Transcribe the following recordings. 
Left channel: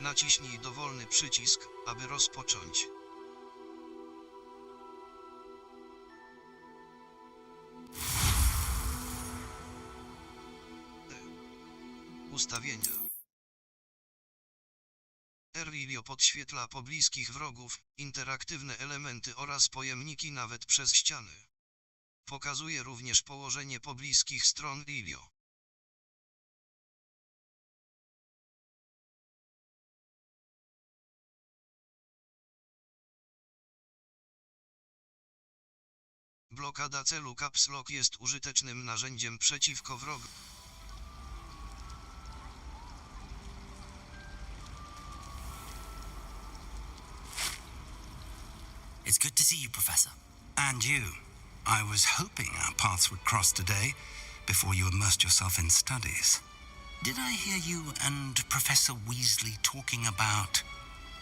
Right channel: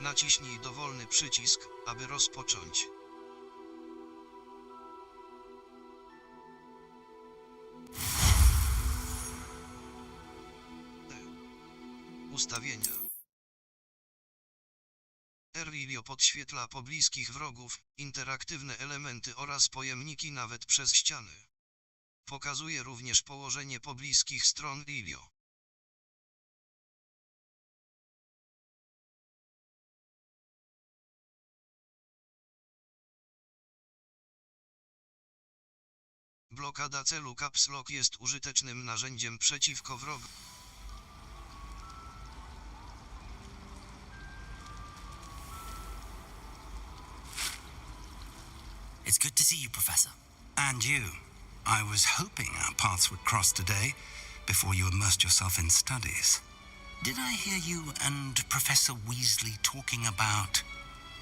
Naciśnij dowolny przycisk, aby rozpocząć. Ustawienia. Erwilio podświetla pobliskich wrogów, interaktywne elementy oraz pojemniki nawet przez ściany. Pokazuje również położenie pobliskich stron Ilio. Blokada celu Caps Lock jest użytecznym narzędziem przeciwko wrogom. It's good to see you, Professor. And you. I was hoping our paths would cross today, before you immersed yourself in studies. Did I hear you and Professor Weasley talking about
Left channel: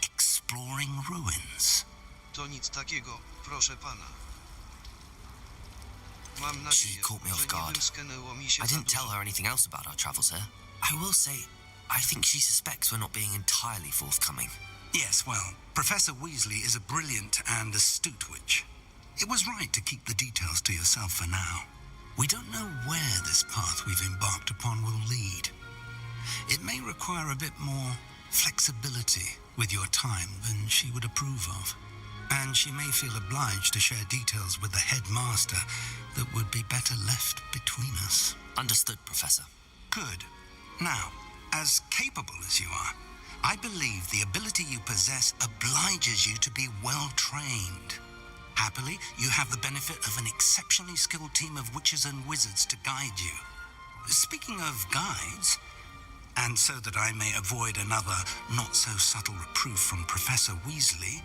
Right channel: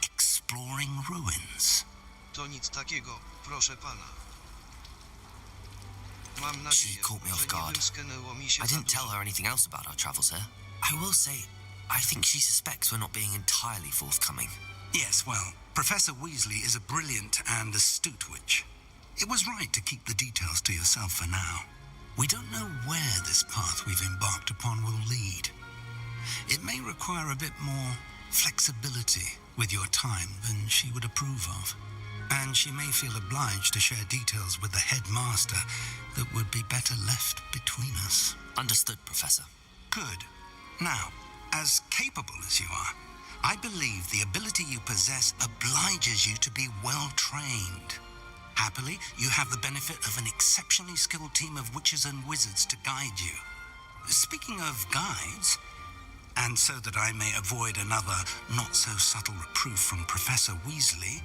exploring ruins? To nic takiego, proszę pana. Mam She nadzieję, caught me off że nie guard. wymsknęło mi się I za didn't tell dużo. her anything else about our travels here. I will say, I think she suspects we're not being entirely forthcoming. Yes, well, Professor Weasley is a brilliant and astute witch. It was right to keep the details to yourself for now. We don't know where this path we've embarked upon will lead. It may require a bit more flexibility with your time than she would approve of. And she may feel obliged to share details with the headmaster that would be better left between us. Understood, Professor. Good. Now, as capable as you are, I believe the ability you possess obliges you to be well trained. Happily, you have the benefit of an exceptionally skilled team of witches and wizards to guide you. Speaking of guides, and so that I may avoid another not-so-subtle reproof from Professor Weasley,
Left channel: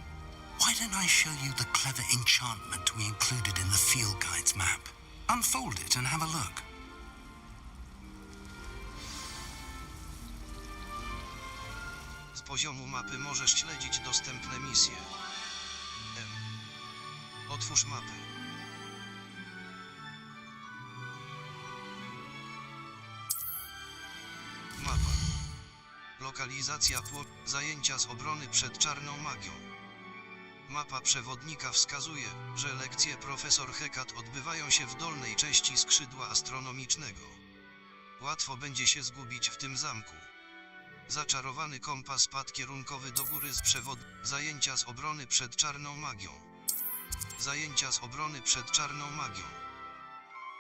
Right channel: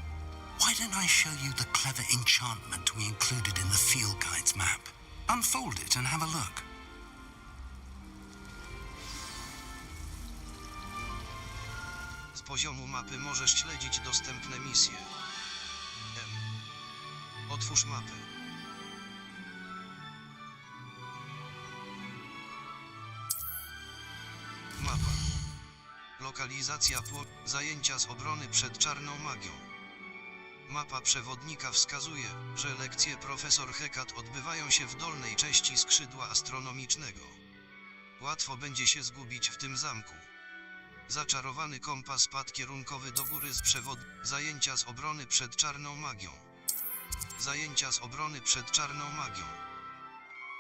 why don't I show you the clever enchantment we included in the field guide's map? Unfold it and have a look. Z poziomu mapy możesz śledzić dostępne misje. Otwórz mapę. Mapa. Lokalizacja zajęcia z obrony przed czarną magią. Mapa przewodnika wskazuje, że lekcje profesor Hecat odbywają się w dolnej części skrzydła astronomicznego. Łatwo będzie się zgubić w tym zamku. Zaczarowany kompas pad kierunkowy do góry z przewod... Zajęcia z obrony przed czarną magią. Zajęcia z obrony przed czarną magią.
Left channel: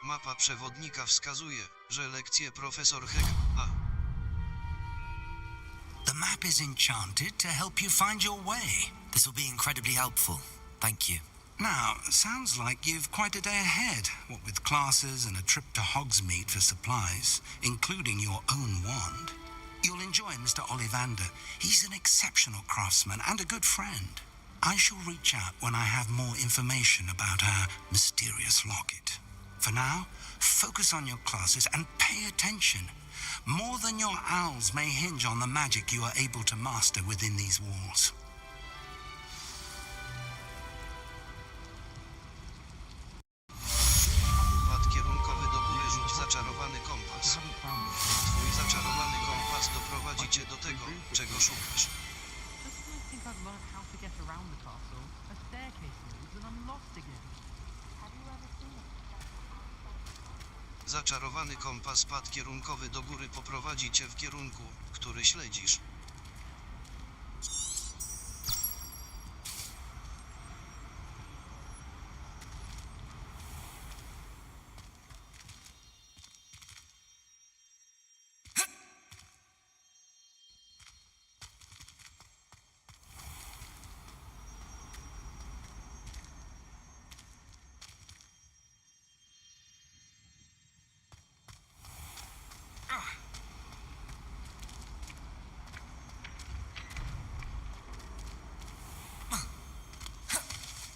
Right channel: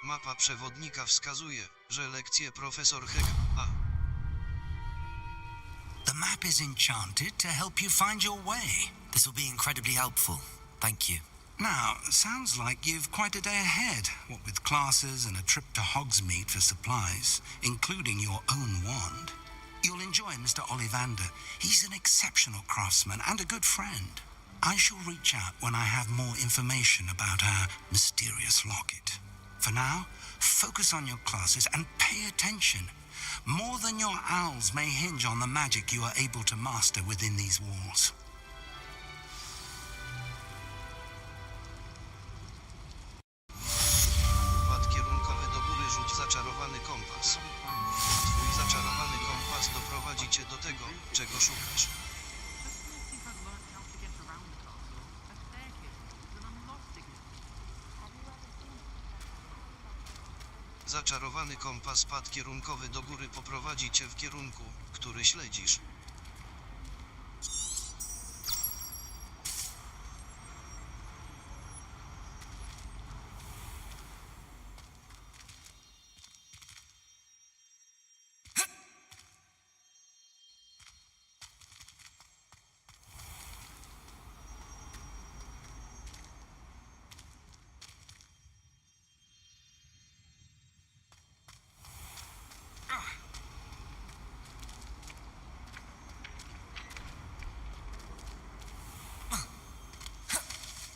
Mapa przewodnika wskazuje, że lekcje profesor The map is enchanted to help you find your way. This will be incredibly helpful. Thank you. Now, sounds like you've quite a day ahead, what with classes and a trip to Hogsmeade for supplies, including your own wand. You'll enjoy Mr. Ollivander. He's an exceptional craftsman and a good friend. I shall reach out when I have more information about our mysterious locket. For now, focus on your classes and pay attention. More than your owls may hinge on the magic you are able to master within these walls. Pad kierunkowy do góry, rzuć zaczarowany kompas. Twój zaczarowany kompas doprowadzi cię do tego, czego szukasz. Zaczarowany kompas pad kierunkowy do góry poprowadzi cię w kierunku, który śledzisz.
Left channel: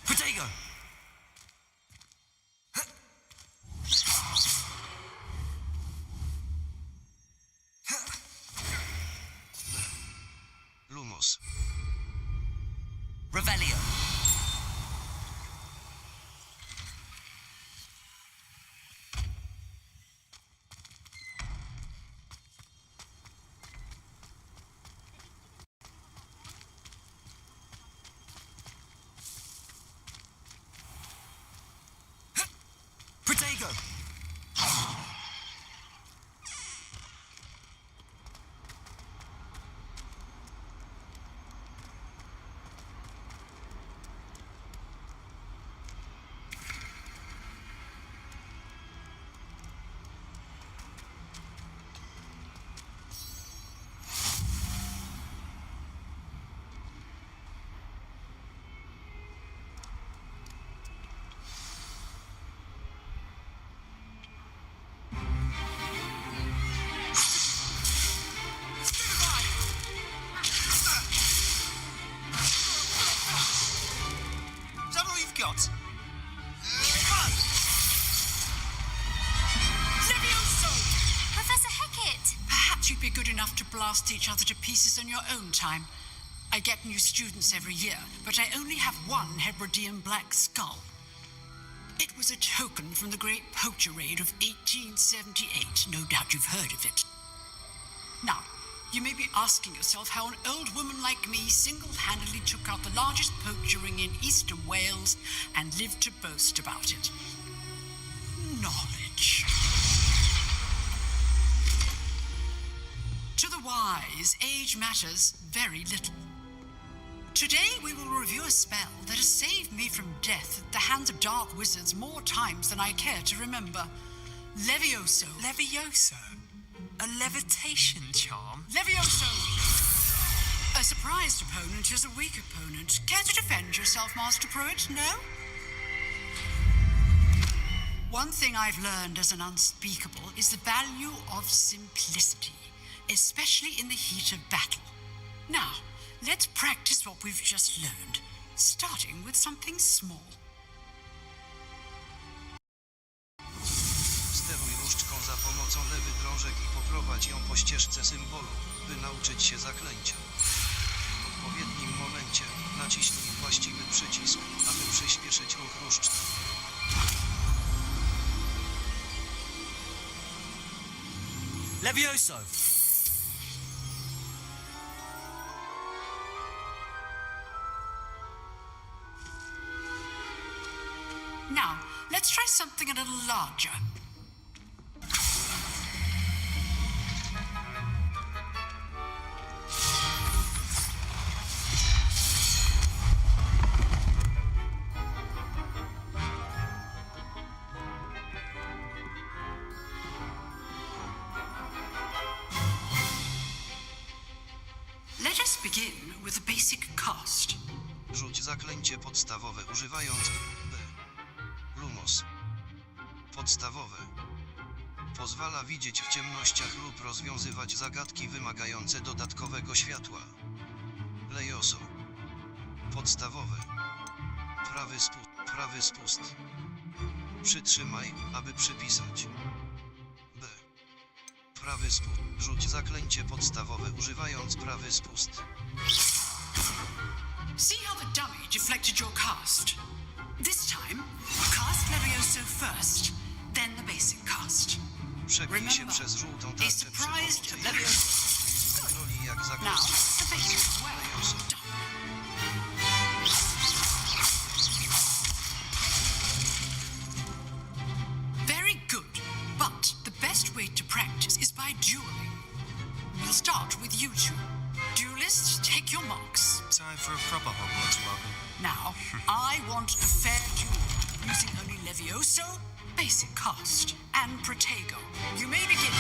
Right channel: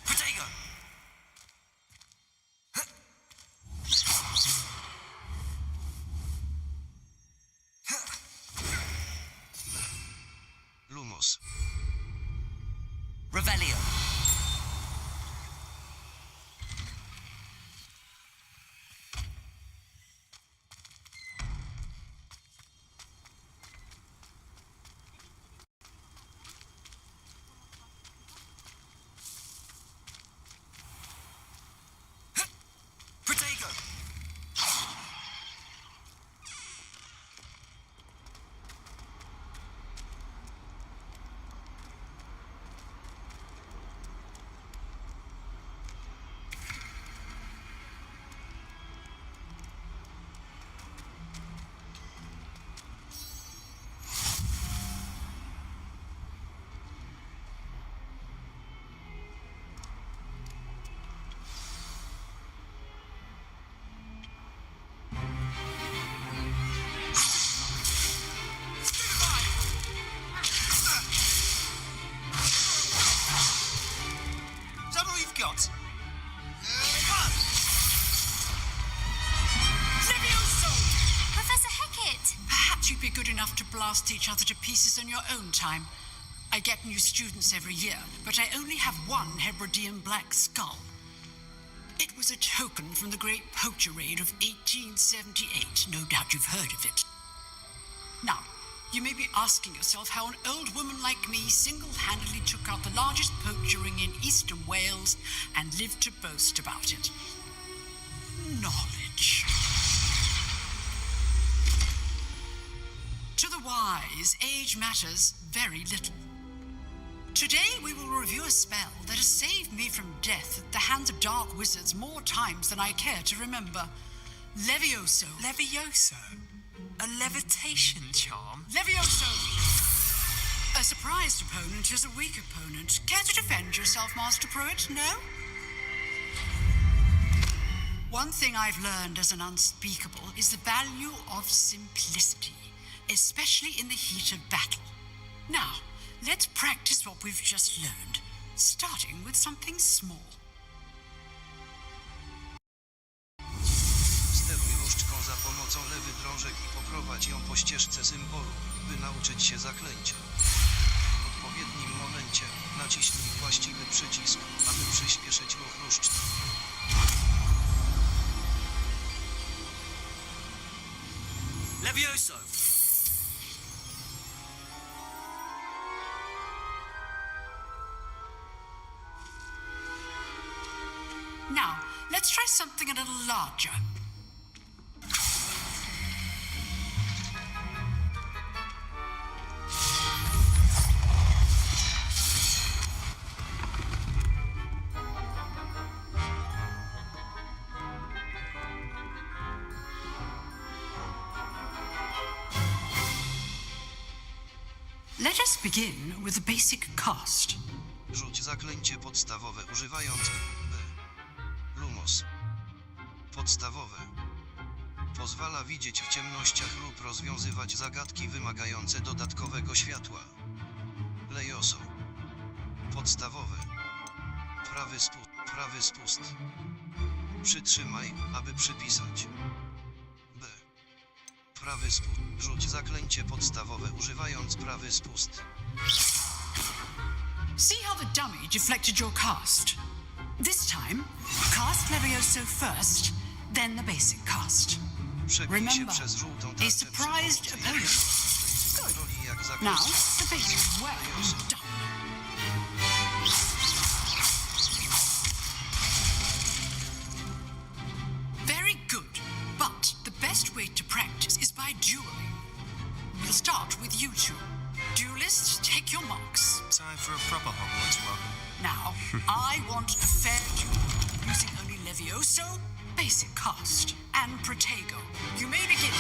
Protego! Lumos. Revelio. Protego! Is that all you've got? Levioso! Professor Hecat! Perhaps you'd be good enough to blast each other to pieces on your own time. I get new students every year, but I only have one Hebridean black skull. It was a token from the Great Poacher Raid of 1878. No doubt you've heard of it. Now, you may be asking yourself how an old woman like me single-handedly took out the largest poacher ring in eastern Wales and lived to boast about it. Knowledge. To the wise, age matters very little. Today we will review a spell that has saved me from death at the hands of dark wizards more times than I care to remember. Levioso. Levioso? A levitation charm? Levioso! A surprised opponent is a weak opponent. Care to defend yourself, Master Pruitt? No? One thing I've learned as an unspeakable is the value of simplicity, especially in the heat of battle. Now, let's practice what we've just learned, starting with something small. Steruj różdżką za pomocą lewych drążek i poprowadź ją po ścieżce symbolu, by nauczyć się zaklęcia. W odpowiednim momencie naciśnij właściwy przycisk, aby przyspieszyć ruch różdżki. Levioso! Now, let's try something a little larger. Let us begin with the basic cast. Rzuć zaklęcie podstawowe używając B. Lumos. Podstawowe. Pozwala widzieć w ciemnościach lub rozwiązywać zagadki wymagające dodatkowego światła. Lejoso. Podstawowe. Prawy spust. Przytrzymaj, aby przypisać. B. Prawy spust. Rzuć zaklęcie podstawowe używając prawy spust. See how the dummy deflected your cast? This time, cast Levioso first, then the basic cast. Przebij się przez żółtą tarczę przy pomocy kontroli jak Now, zaklęcie the basic. Well Lejoso. done. Very good, but the best way to practice is by dueling. We'll start with you two. Duelists, take your marks. Time for a proper Hogwarts welcome. Now, I want a fair duel, using only Levioso, basic cast, and Protego. You may begin.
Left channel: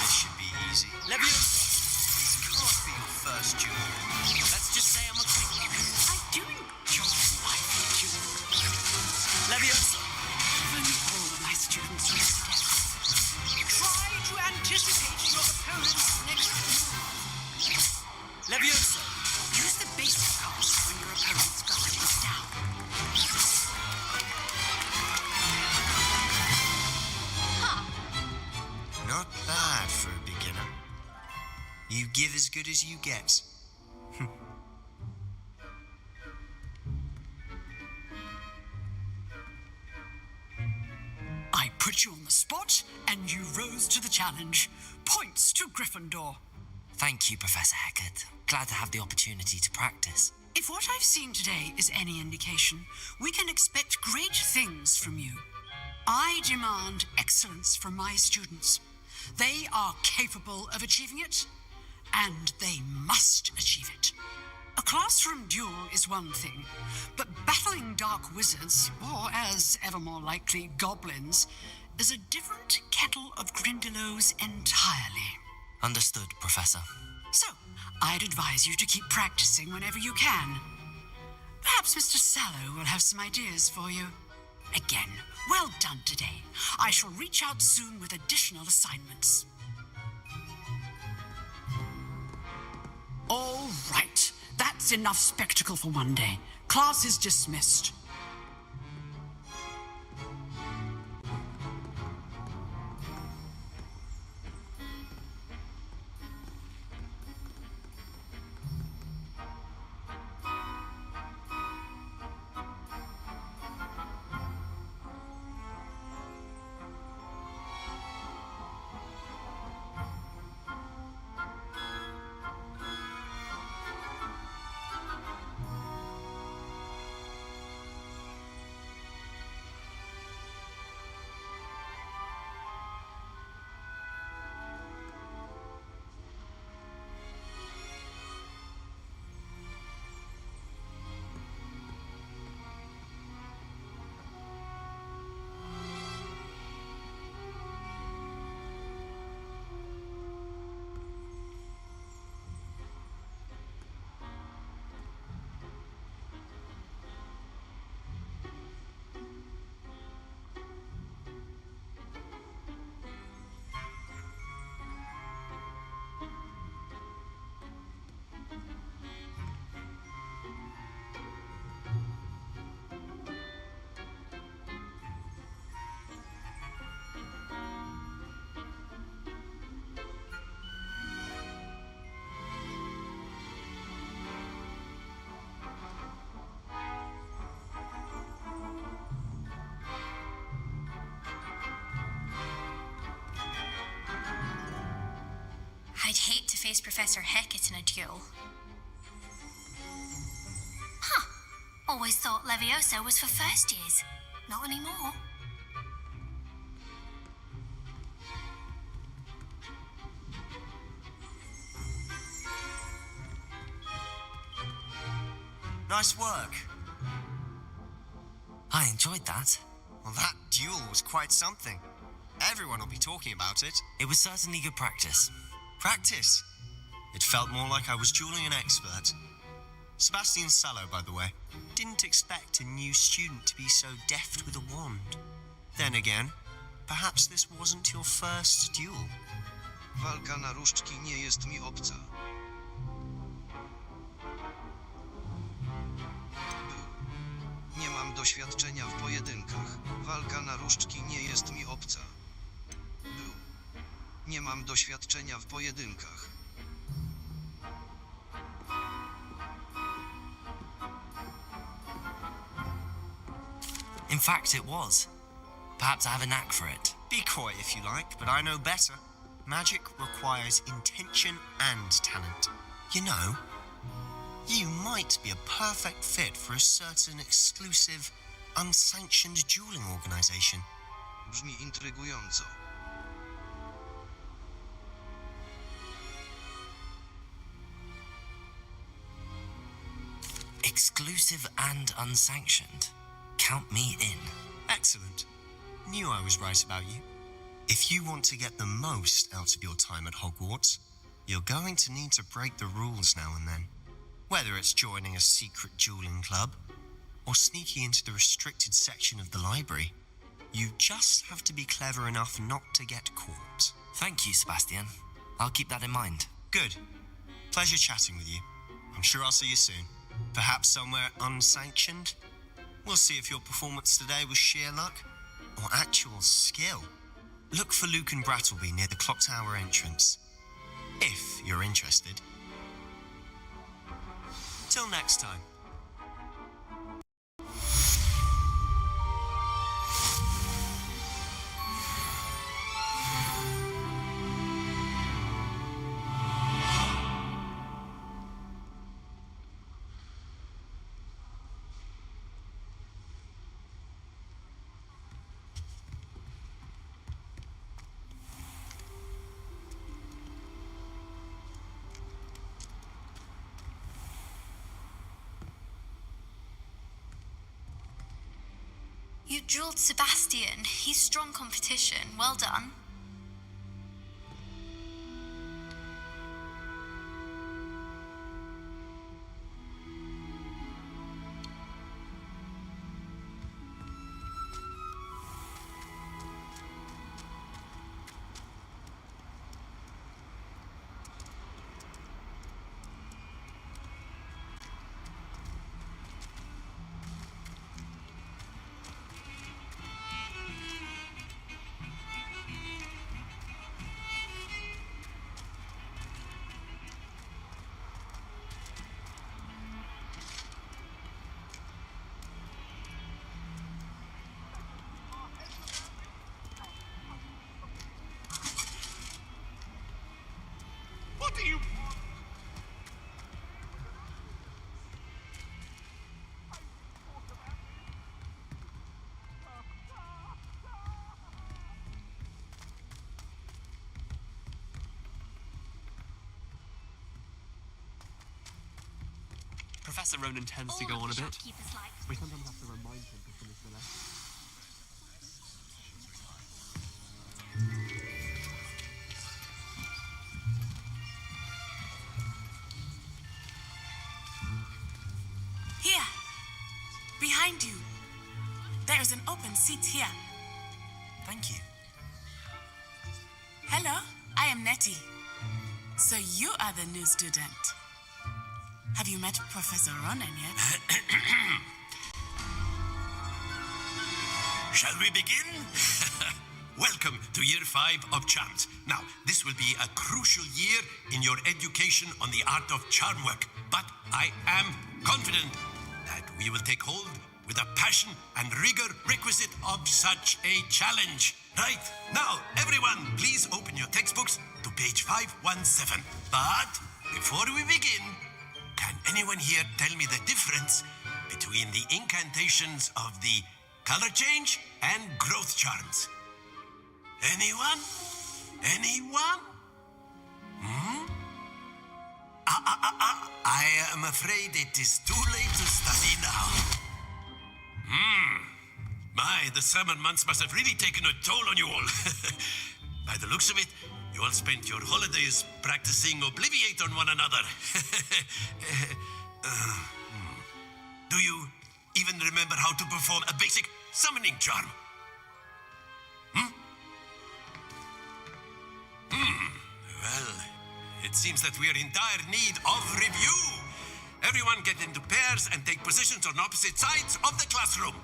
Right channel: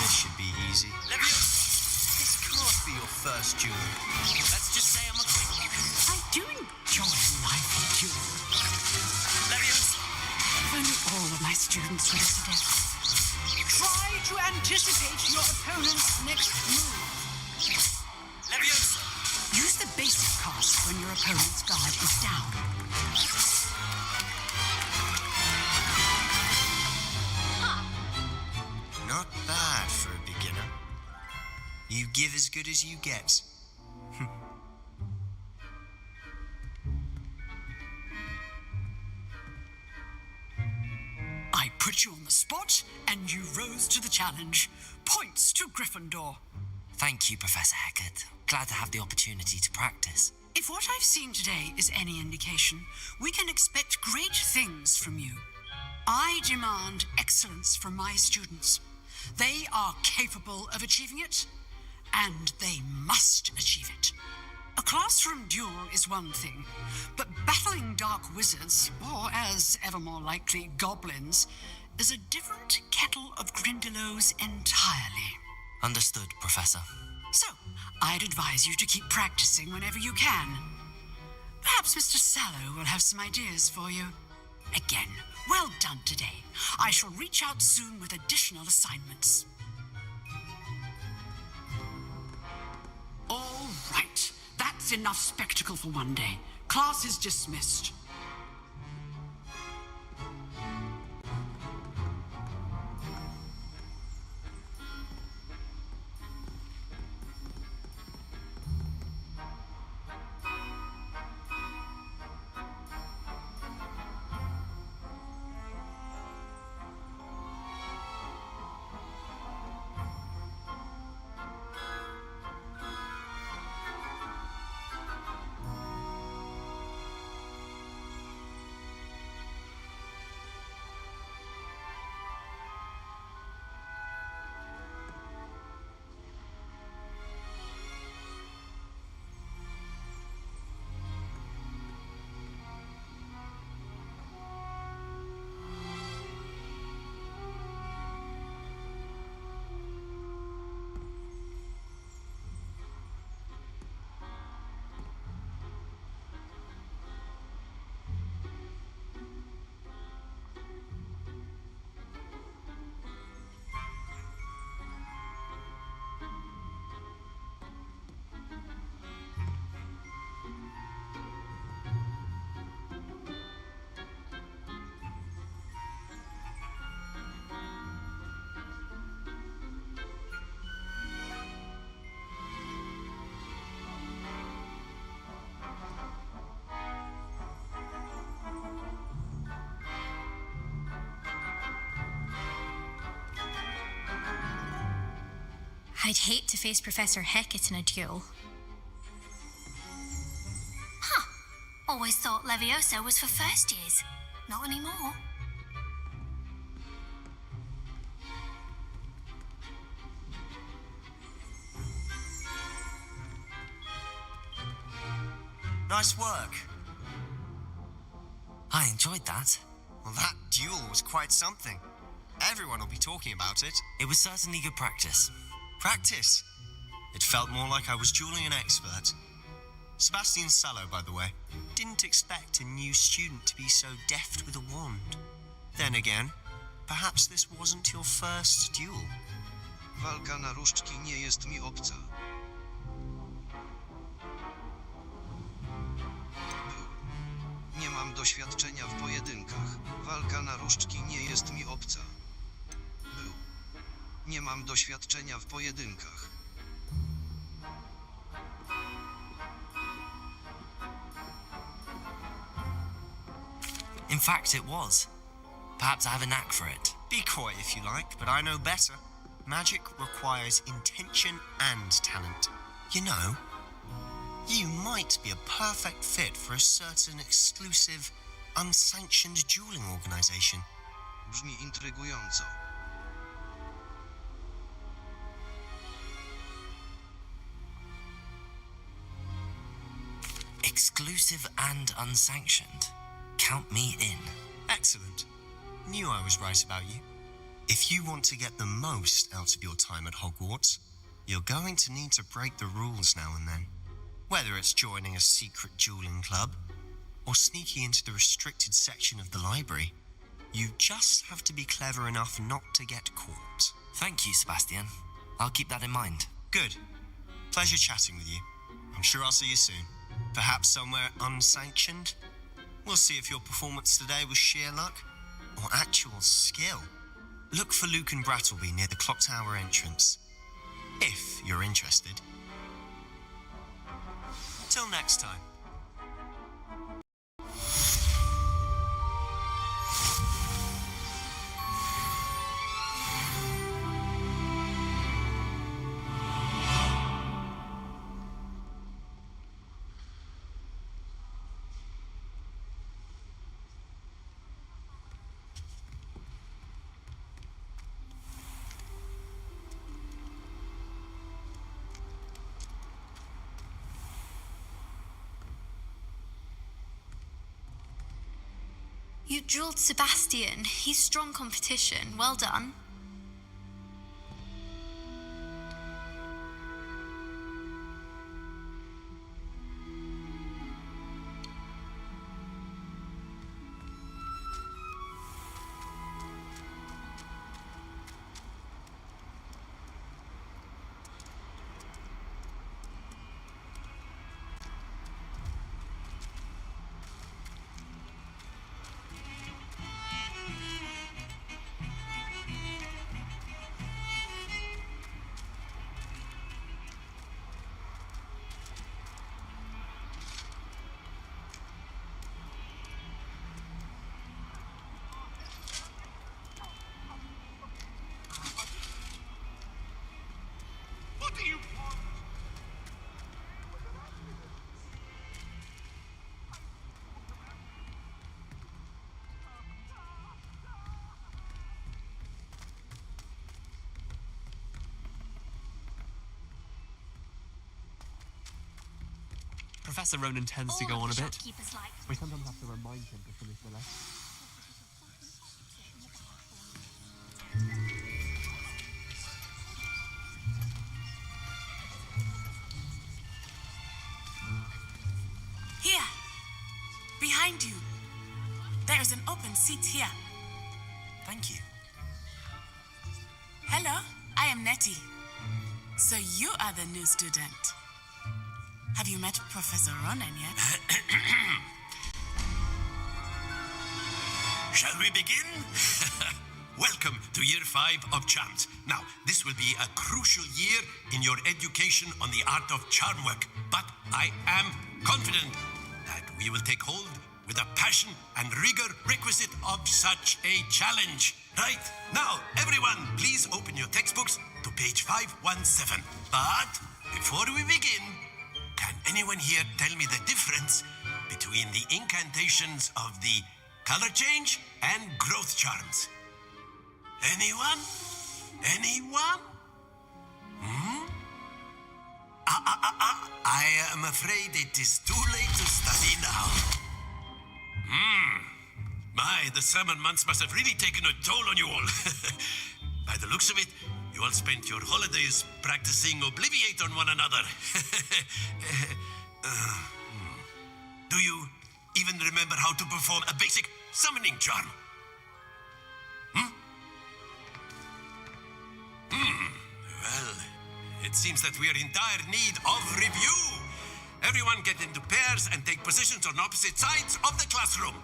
This should be easy. Levioso! This can't be your first duel. Let's just say I'm a quick learner. I do enjoy lively duels. Levioso! If only all of my students were to death. Try to anticipate your opponent's next move. Levioso! Use the basic cast when your opponent's guard is down. Not bad for a beginner. You give as good as you get. I put you on the spot, and you rose to the challenge. Points to Gryffindor. Thank you, Professor Hecat. Glad to have the opportunity to practice. If what I've seen today is any indication, we can expect great things from you. I demand excellence from my students. They are capable of achieving it, and they must achieve it. A classroom duel is one thing, but battling dark wizards, or as ever more likely, goblins, is a different kettle of grindylows entirely. Understood, Professor. So, I'd advise you to keep practicing whenever you can. Perhaps Mr. Sallow will have some ideas for you. Again, well done today. I shall reach out soon with additional assignments. All right. That's enough spectacle for one day. Class is dismissed. I'd hate to face Professor Hecat in a duel. Huh. Always thought Leviosa was for first years. Not anymore. Nice work. I enjoyed that. Well, that duel was quite something. Everyone will be talking about it. It was certainly good practice. Practice. It felt more like I was dueling an expert. Sebastian Sallow, by the way, didn't expect a new student to be so deft with a wand. Then again, perhaps this wasn't your first duel. Walka na różdżki nie jest mi obca. Był. Nie mam doświadczenia w pojedynkach. Walka na różdżki nie jest mi obca. Był. Nie mam doświadczenia w pojedynkach. In fact, it was. Perhaps I have a knack for it. Be coy if you like, but I know better. Magic requires intention and talent. You know, you might be a perfect fit for a certain exclusive, unsanctioned dueling organization. Brzmi intrygująco. Exclusive and unsanctioned. Count me in. Excellent. Knew I was right about you. If you want to get the most out of your time at Hogwarts, you're going to need to break the rules now and then. Whether it's joining a secret dueling club or sneaking into the restricted section of the library, you just have to be clever enough not to get caught. Thank you, Sebastian. I'll keep that in mind. Good. Pleasure chatting with you. I'm sure I'll see you soon. Perhaps somewhere unsanctioned? We'll see if your performance today was sheer luck or actual skill. Look for Luke and Brattleby near the clock tower entrance, if you're interested. Till next time. You drilled Sebastian. He's strong competition. Well done. What do you want? Professor Ronan tends to go on a bit. We sometimes have to remind him to finish the lesson. Here, behind you. There is an open seat here. Thank you. Hello, I am Nettie. So you are the new student. Have you met Professor Ronan yet? Shall we begin? Welcome to Year 5 of Charms. Now, this will be a crucial year in your education on the art of charm work. But I am confident that we will take hold with the passion and rigor requisite of such a challenge. Right, now, everyone, please open your textbooks to page 517. But before we begin, can anyone here tell me the difference between the incantations of the color change and growth charms? Anyone? Anyone? I am afraid it is too late to study now. My, the summer months must have really taken a toll on you all. By the looks of it, you all spent your holidays practicing Obliviate on one another. Do you even remember how to perform a basic summoning charm? Well, it seems that we are in dire need of review. Everyone get into pairs and take positions on opposite sides of the classroom.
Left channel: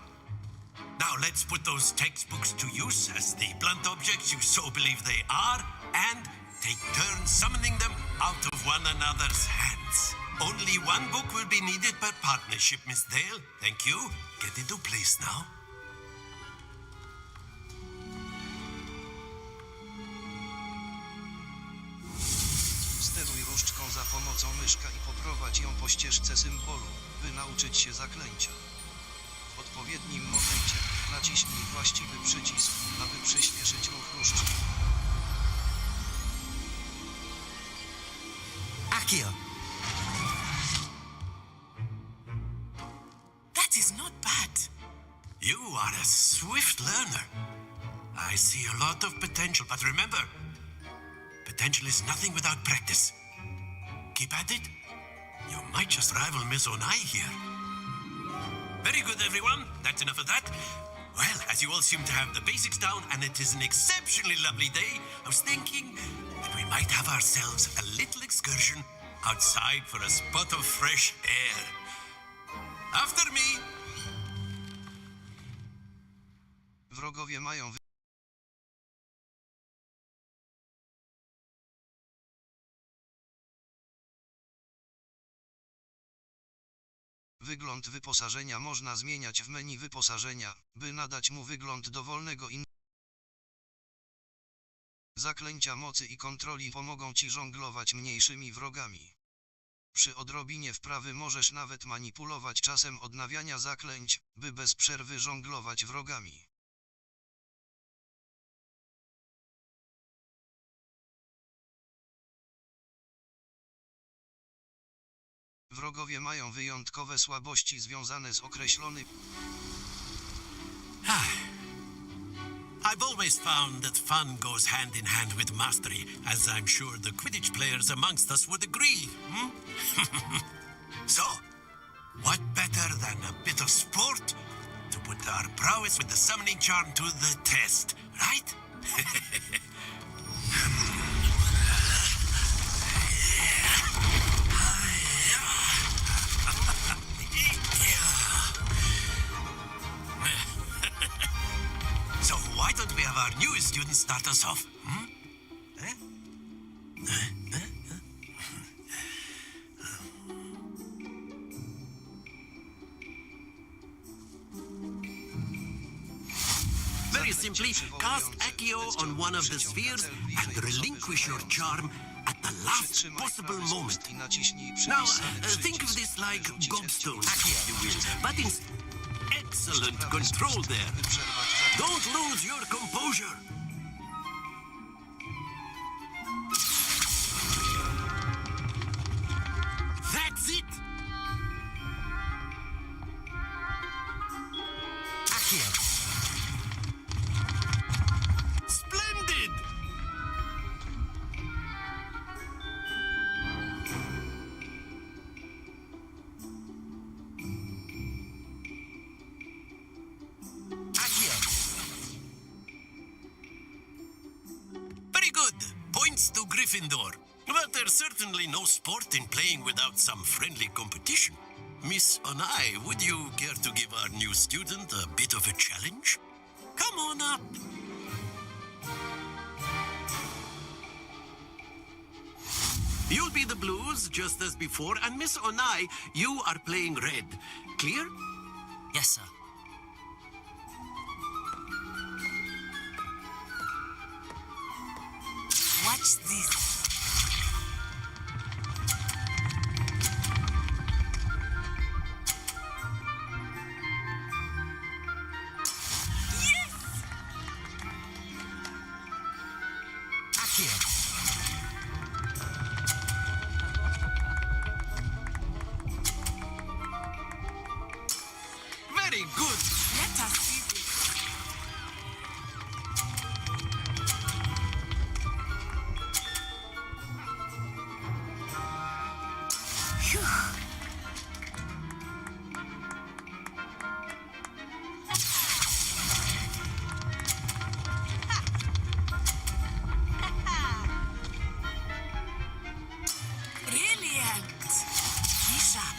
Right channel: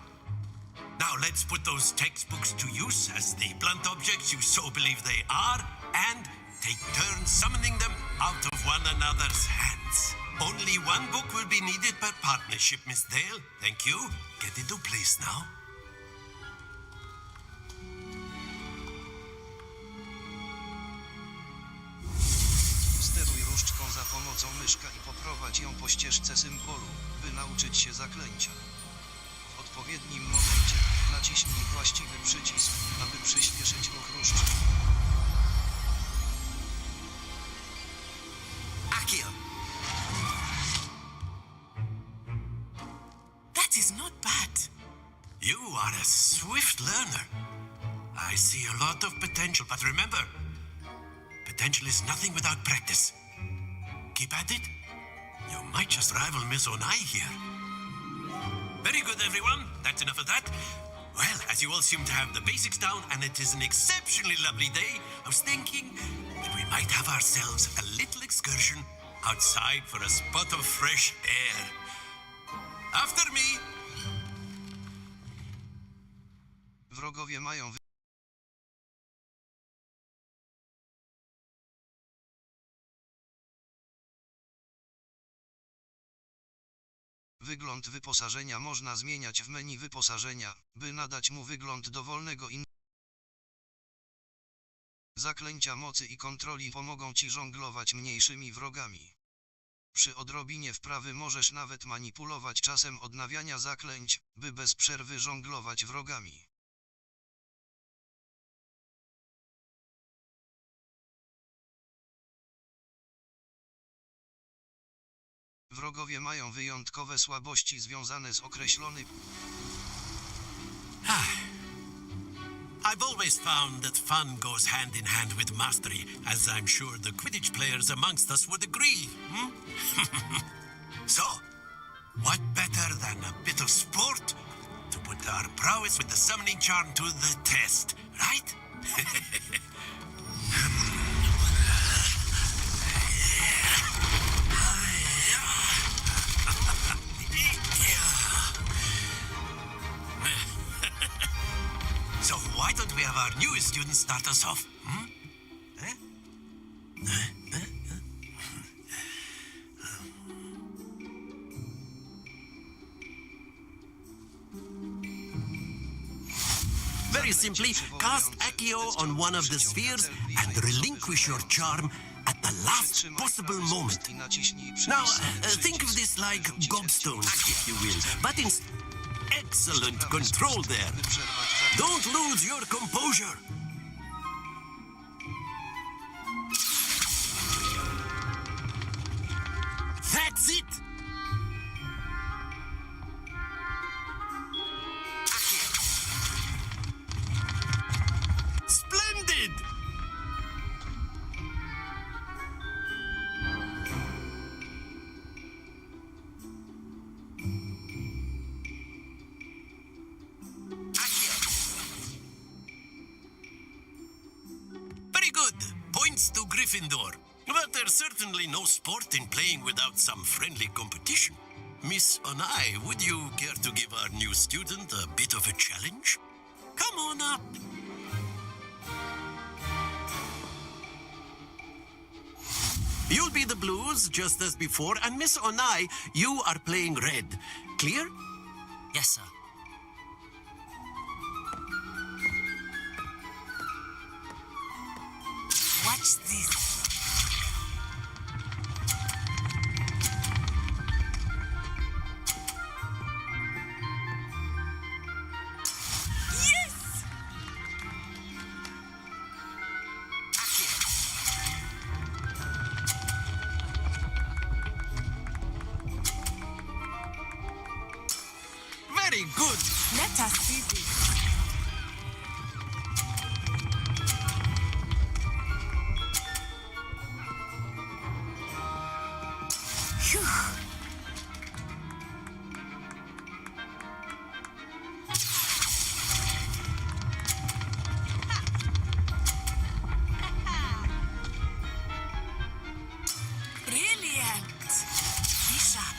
Now let's put those textbooks to use as the blunt objects you so believe they are, and take turns summoning them out of one another's hands. Only one book will be needed per partnership, Miss Dale. Thank you. Get into place now. Steruj różdżką za pomocą myszka i poprowadź ją po ścieżce symbolu, by nauczyć się zaklęcia. W odpowiednim momencie naciśnij właściwy przycisk, aby przyspieszyć ruch różdżki. Accio. That is not bad. You are a swift learner. I see a lot of potential, but remember, potential is nothing without practice. Keep at it. You might just rival Miss Onai here. Very good, everyone. That's enough of that. Well, as you all seem to have the basics down, and it is an exceptionally lovely day, I was thinking that we might have ourselves a little excursion outside for a spot of fresh air. After me. Wrogowie mają wygląd wyposażenia można zmieniać w menu wyposażenia, by nadać mu wygląd dowolnego Zaklęcia mocy i kontroli pomogą ci żonglować mniejszymi wrogami. Przy odrobinie wprawy możesz nawet manipulować czasem odnawiania zaklęć, by bez przerwy żonglować wrogami. Wrogowie mają wyjątkowe słabości związane z określonym I've always found that fun goes hand in hand with mastery, as I'm sure the Quidditch players amongst us would agree. So, what better than a bit of sport to put our prowess with the summoning charm to the test, right? So why don't we have our newest student start us off? Eh? Very simply, cast Accio on one of the spheres and relinquish your charm at the last Przytrzymaj possible prawy moment. spust i naciśnij Now, przypisany think of przycisk, this like by rzucić gobstone, Accio. but in excellent Prawy control spust, there. by przerwać zaklęcie. Don't lose your composure. That's it. Accio. Splendid. Accio. Very good. Points to Gryffindor. But there's certainly no sport in playing without some friendly competition. Miss Onai, would you care to give our new student a bit of a challenge? Come on up. You'll be the blues just as before, and Miss Onai, you are playing red. Clear? Yes, sir. Watch this. Accio. Very good. Let us see this. Brilliant. Be sharp.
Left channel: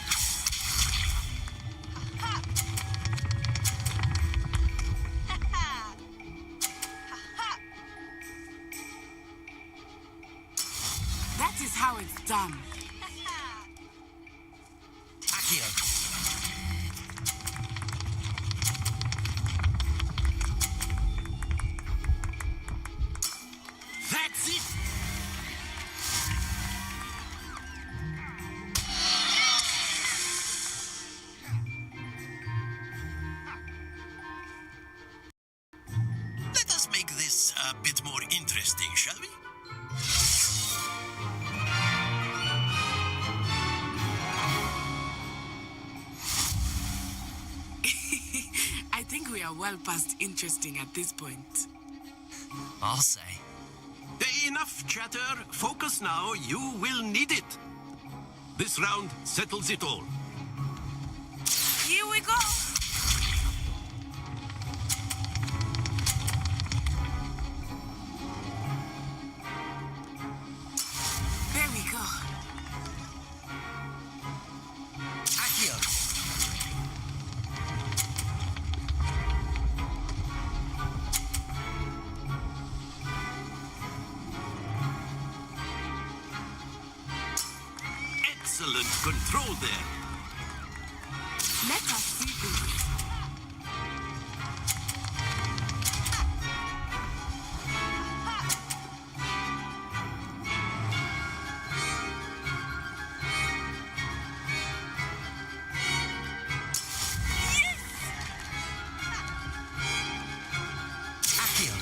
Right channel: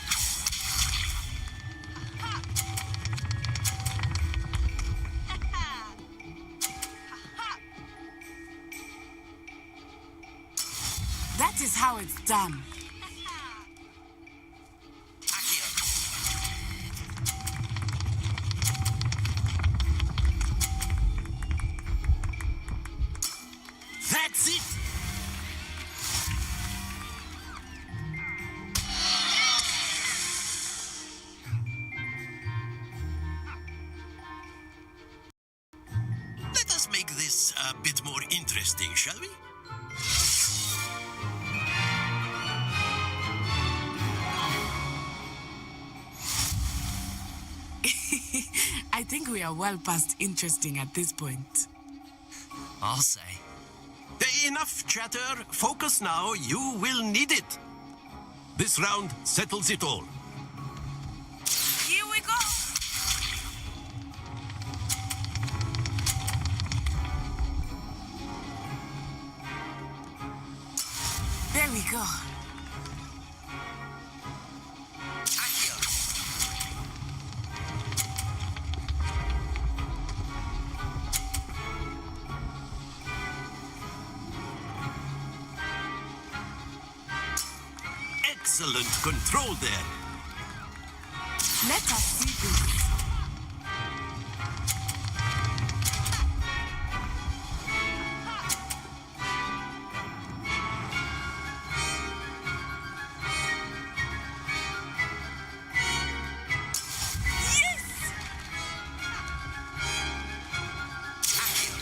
That is how it's done. Accio. That's it. Let us make this a bit more interesting, shall we? I think we are well past interesting at this point. I'll say. Enough chatter. Focus now. You will need it. This round settles it all. Here we go. There we go. Accio. Excellent control there. Let us see this. Accio.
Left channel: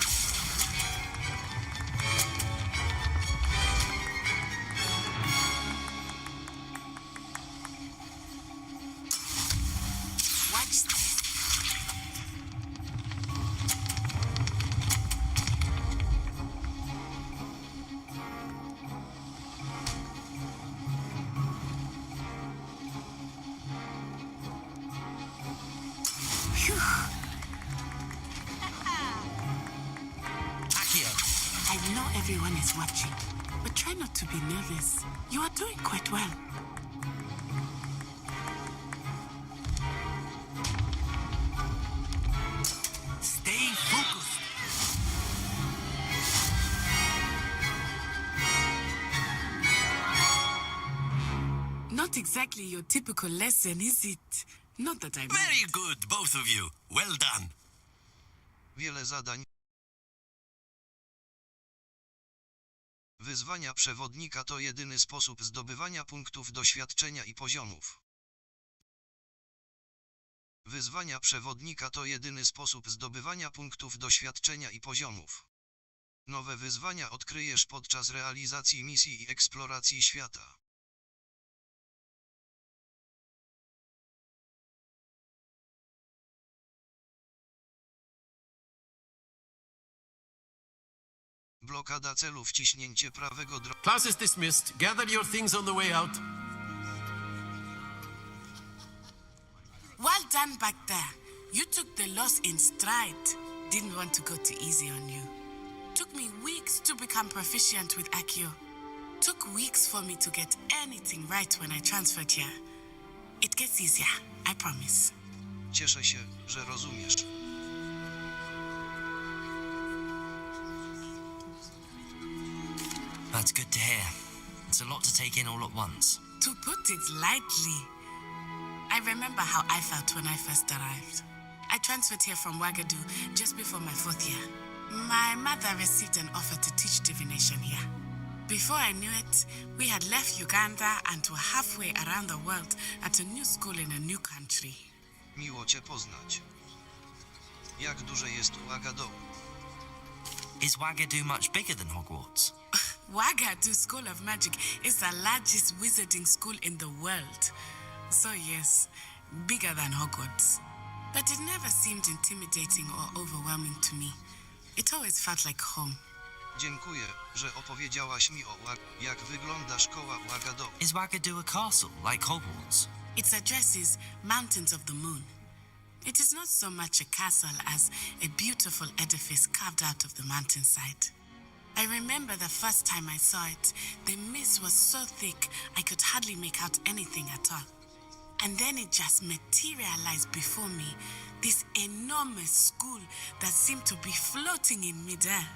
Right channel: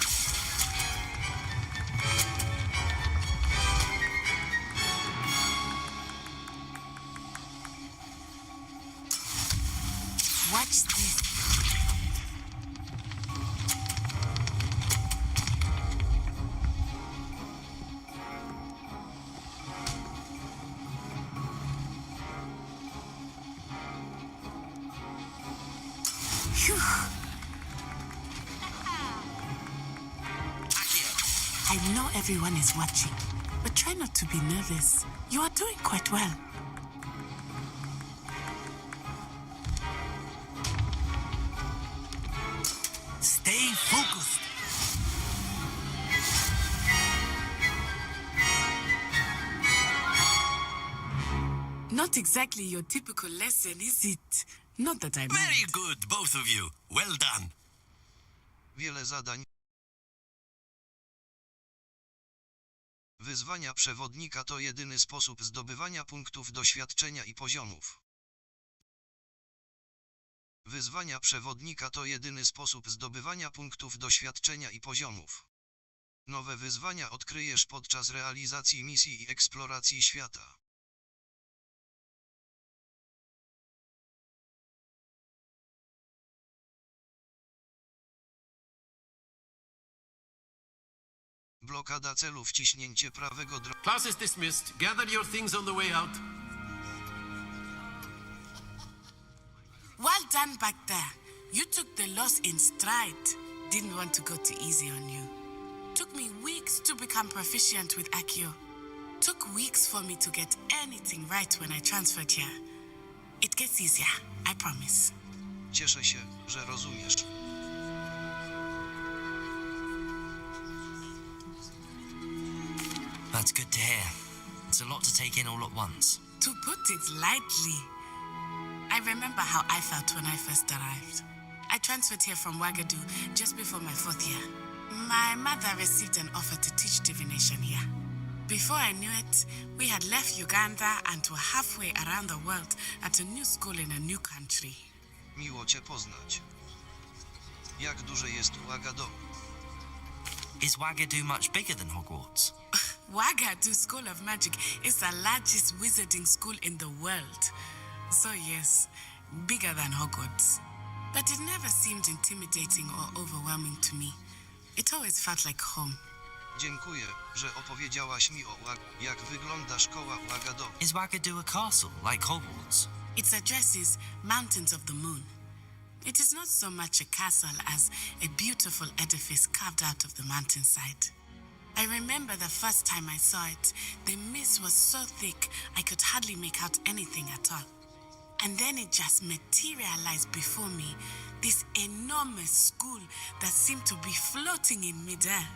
Watch this. You are doing quite well. Stay focused. Not exactly your typical lesson, is it? Not that I Very good, both of you. Well done. Wiele zadań. Wyzwania przewodnika to jedyny sposób zdobywania punktów doświadczenia i poziomów. Wyzwania przewodnika to jedyny sposób zdobywania punktów doświadczenia i poziomów. Nowe wyzwania odkryjesz podczas realizacji misji i eksploracji świata. Blokada celu, wciśnięcie prawego Class is dismissed. Gather your things on the way out. Well done back there. You took the loss in stride. Didn't want to go too easy on you. Took me weeks to become proficient with Accio. Took weeks for me to get anything right when I transferred here. It gets easier, I promise. Cieszę się, że rozumiesz. That's good to hear. It's a lot to take in all at once. To put it lightly, I remember how I felt when I first arrived. I transferred here from Ouagadougou just before my 4th year. My mother received an offer to teach divination here. Before I knew it, we had left Uganda and were halfway around the world at a new school in a new country. Miło cię poznać. Jak duże jest Ouagadougou? Is Ouagadougou much bigger than Hogwarts? Ouagadougou School of Magic is the largest wizarding school in the world. So yes, bigger than Hogwarts. But it never seemed intimidating or overwhelming to me. It always felt like home. Dziękuję, że opowiedziałaś mi o jak wygląda szkoła Ouagadougou. Is Ouagadougou a castle, like Hogwarts? Its address is Mountains of the Moon. It is not so much a castle as a beautiful edifice carved out of the mountainside. I remember the first time I saw it, the mist was so thick I could hardly make out anything at all. And then it just materialized before me, this enormous school that seemed to be floating in midair.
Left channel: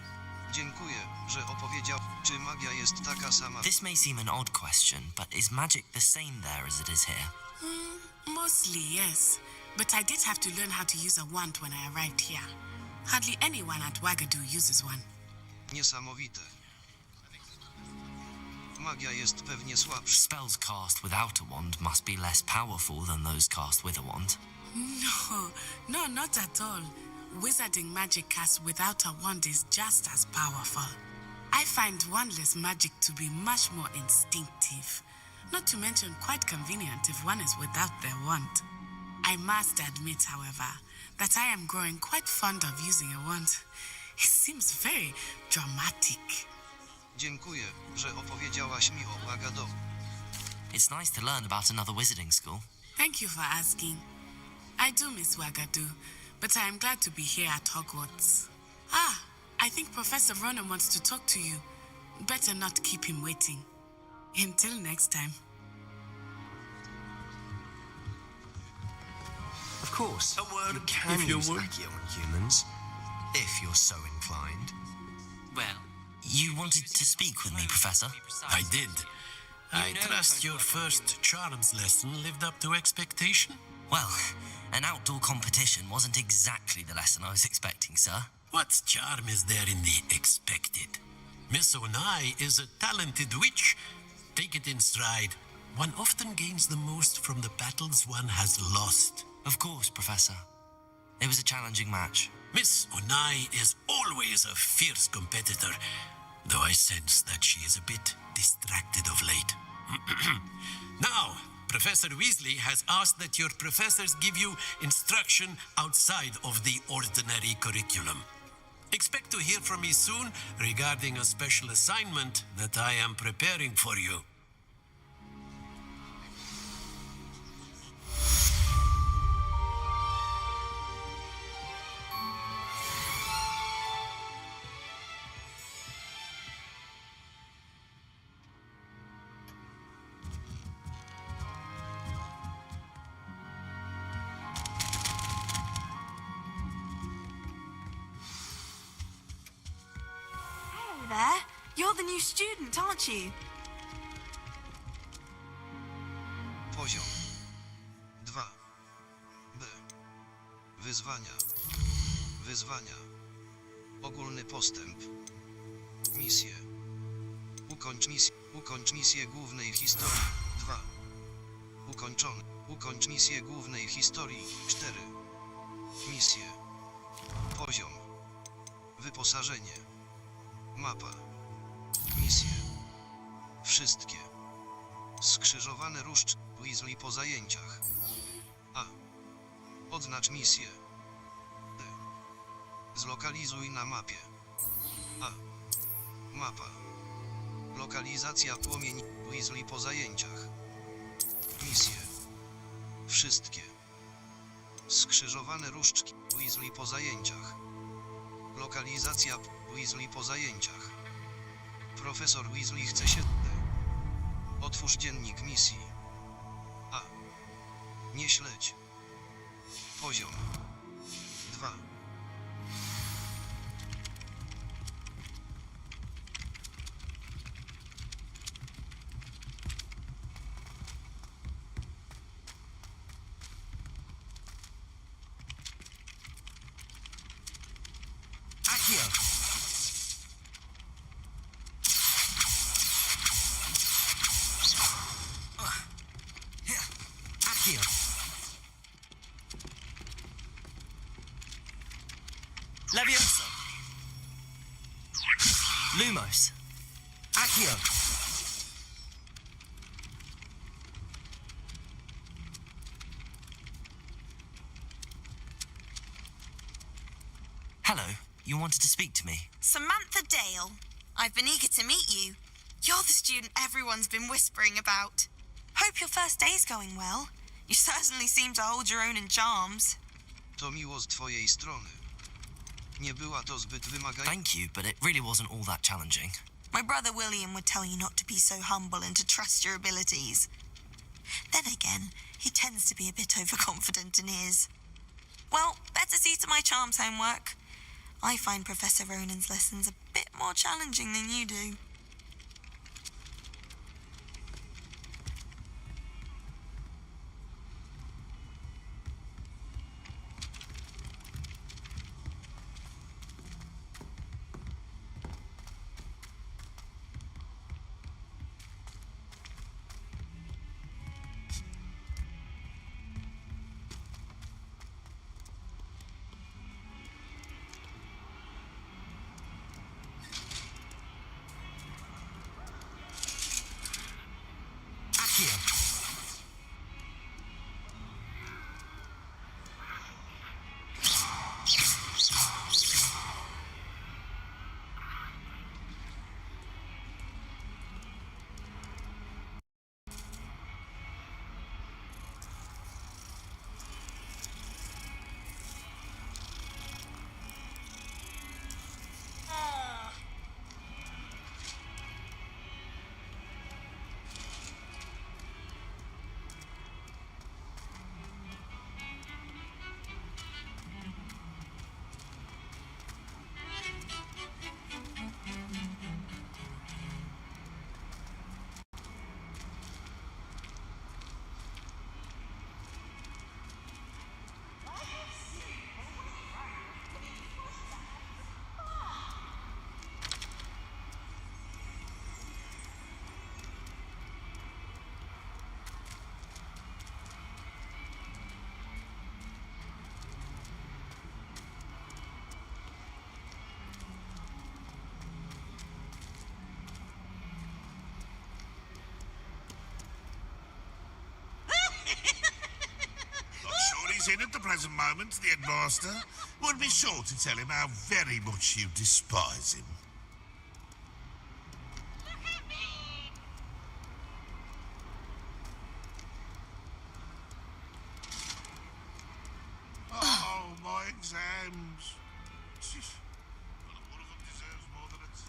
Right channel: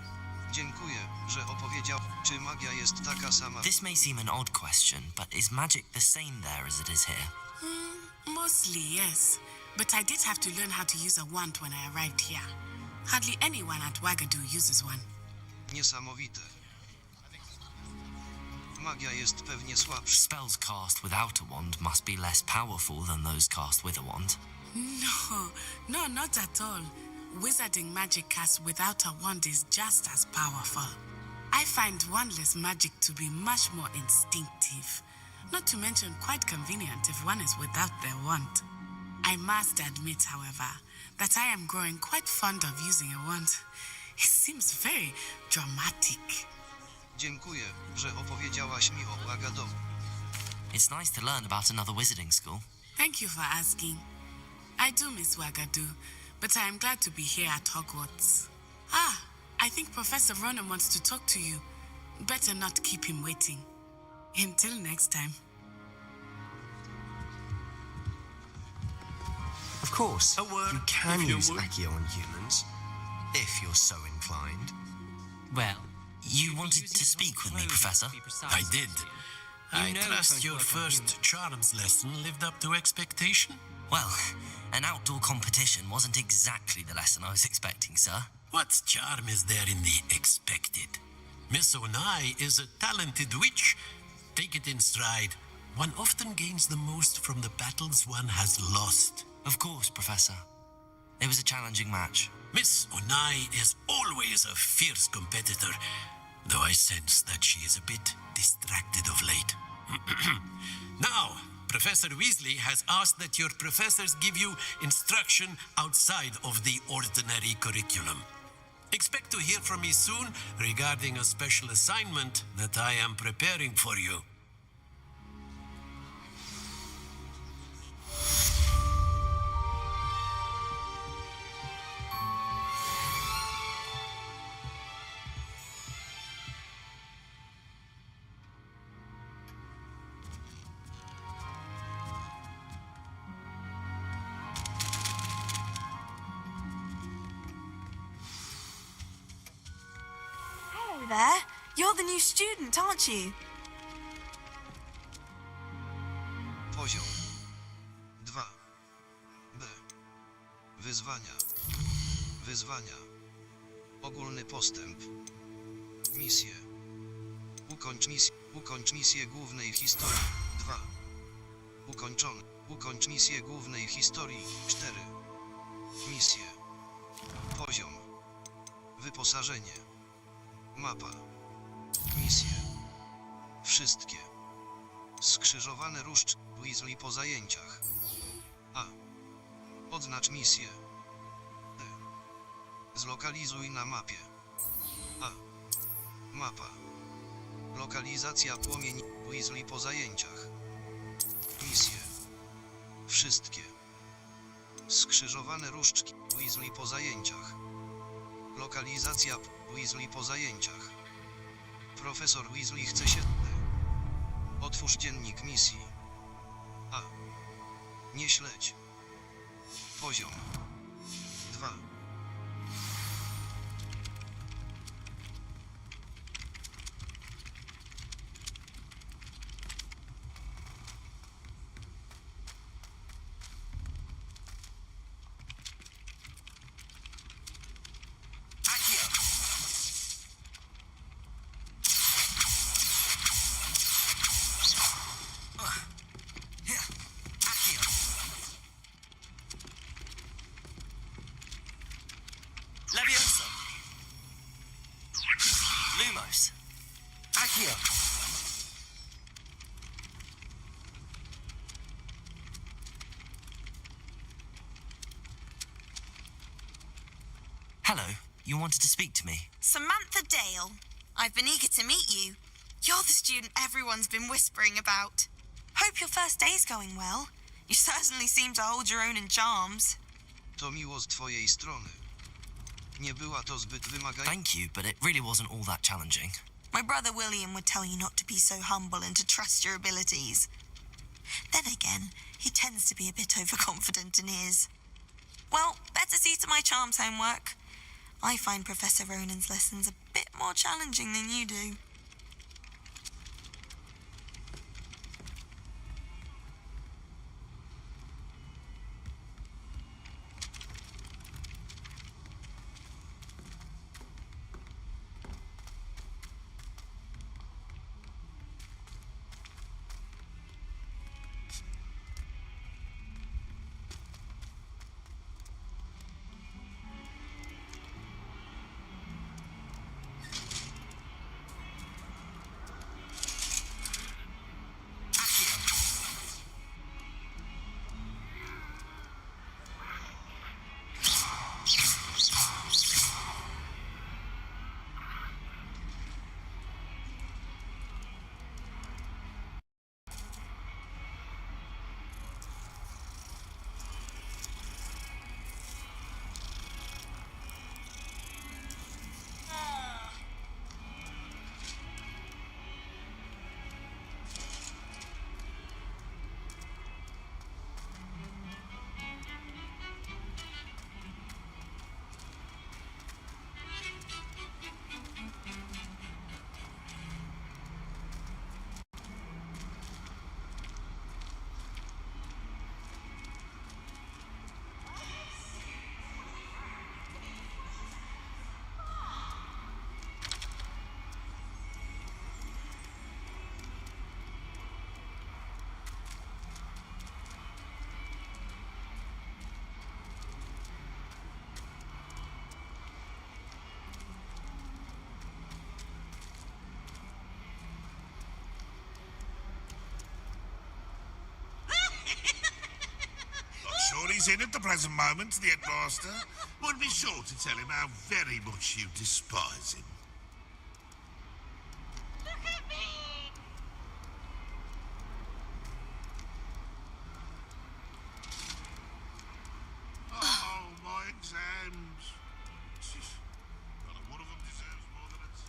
Dziękuję, że opowiedział. Czy magia jest taka sama? This may seem an odd question, but is magic the same there as it is here? Mostly, yes. But I did have to learn how to use a wand when I arrived here. Hardly anyone at Ouagadougou uses one. Niesamowite. Magia jest pewnie słabsza. Spells cast without a wand must be less powerful than those cast with a wand. No, not at all. Wizarding magic cast without a wand is just as powerful. I find wandless magic to be much more instinctive. Not to mention quite convenient if one is without their wand. I must admit, however, that I am growing quite fond of using a wand. It seems very dramatic. Dziękuję, że opowiedziałaś mi o Ouagadougou. It's nice to learn about another wizarding school. Thank you for asking. I do miss Ouagadougou, but I am glad to be here at Hogwarts. I think Professor Ronan wants to talk to you. Better not keep him waiting. Until next time. Of course. A word, you can if you use would. Accio on humans, if you're so inclined. Well, you wanted to speak with me, Professor? I did. I trust your first charms lesson lived up to expectation. Well, an outdoor competition wasn't exactly the lesson I was expecting, sir. What charm is there in the expected? Miss Onai is a talented witch. Take it in stride. One often gains the most from the battles one has lost. Of course, Professor. It was a challenging match. Miss Onai is always a fierce competitor, though I sense that she is a bit distracted of late. Now, Professor Weasley has asked that your professors give you instruction outside of the ordinary curriculum. Expect to hear from me soon regarding a special assignment that I am preparing for you. student, aren't you? Poziom 2. B. Wyzwania. Wyzwania. Ogólny postęp. Misje. Ukończ misję głównej historii. 2. Ukończony. Ukończ misję głównej historii. 4. Misje. Poziom. Wyposażenie. Mapa. Misje. Wszystkie. Skrzyżowane różdż. Weasley po zajęciach. A. Odznacz misję. D. Zlokalizuj na mapie. A. Mapa. Lokalizacja płomieni. Weasley po zajęciach. Misje. Wszystkie. Skrzyżowane różdżki. Weasley po zajęciach. Lokalizacja Weasley po zajęciach. Profesor Weasley chce się... Otwórz dziennik misji. A. Nie śledź. Poziom 2. Levioso. Lumos. Accio. Hello, you wanted to speak to me? Samantha Dale. I've been eager to meet you. You're the student everyone's been whispering about. Hope your first day's going well. You certainly seem to hold your own in charms. To miło z twojej strony. Nie była to zbyt wymagająca. Thank you, but it really wasn't all that challenging. My brother William would tell you not to be so humble and to trust your abilities. Then again, he tends to be a bit overconfident in his. Well, better see to my charms homework. I find Professor Ronan's lessons a bit more challenging than you do. In at the present moment, the headmaster would be sure to tell him how very much you despise him. Look at me! Oh, my exams. Not one of them deserves more than a C.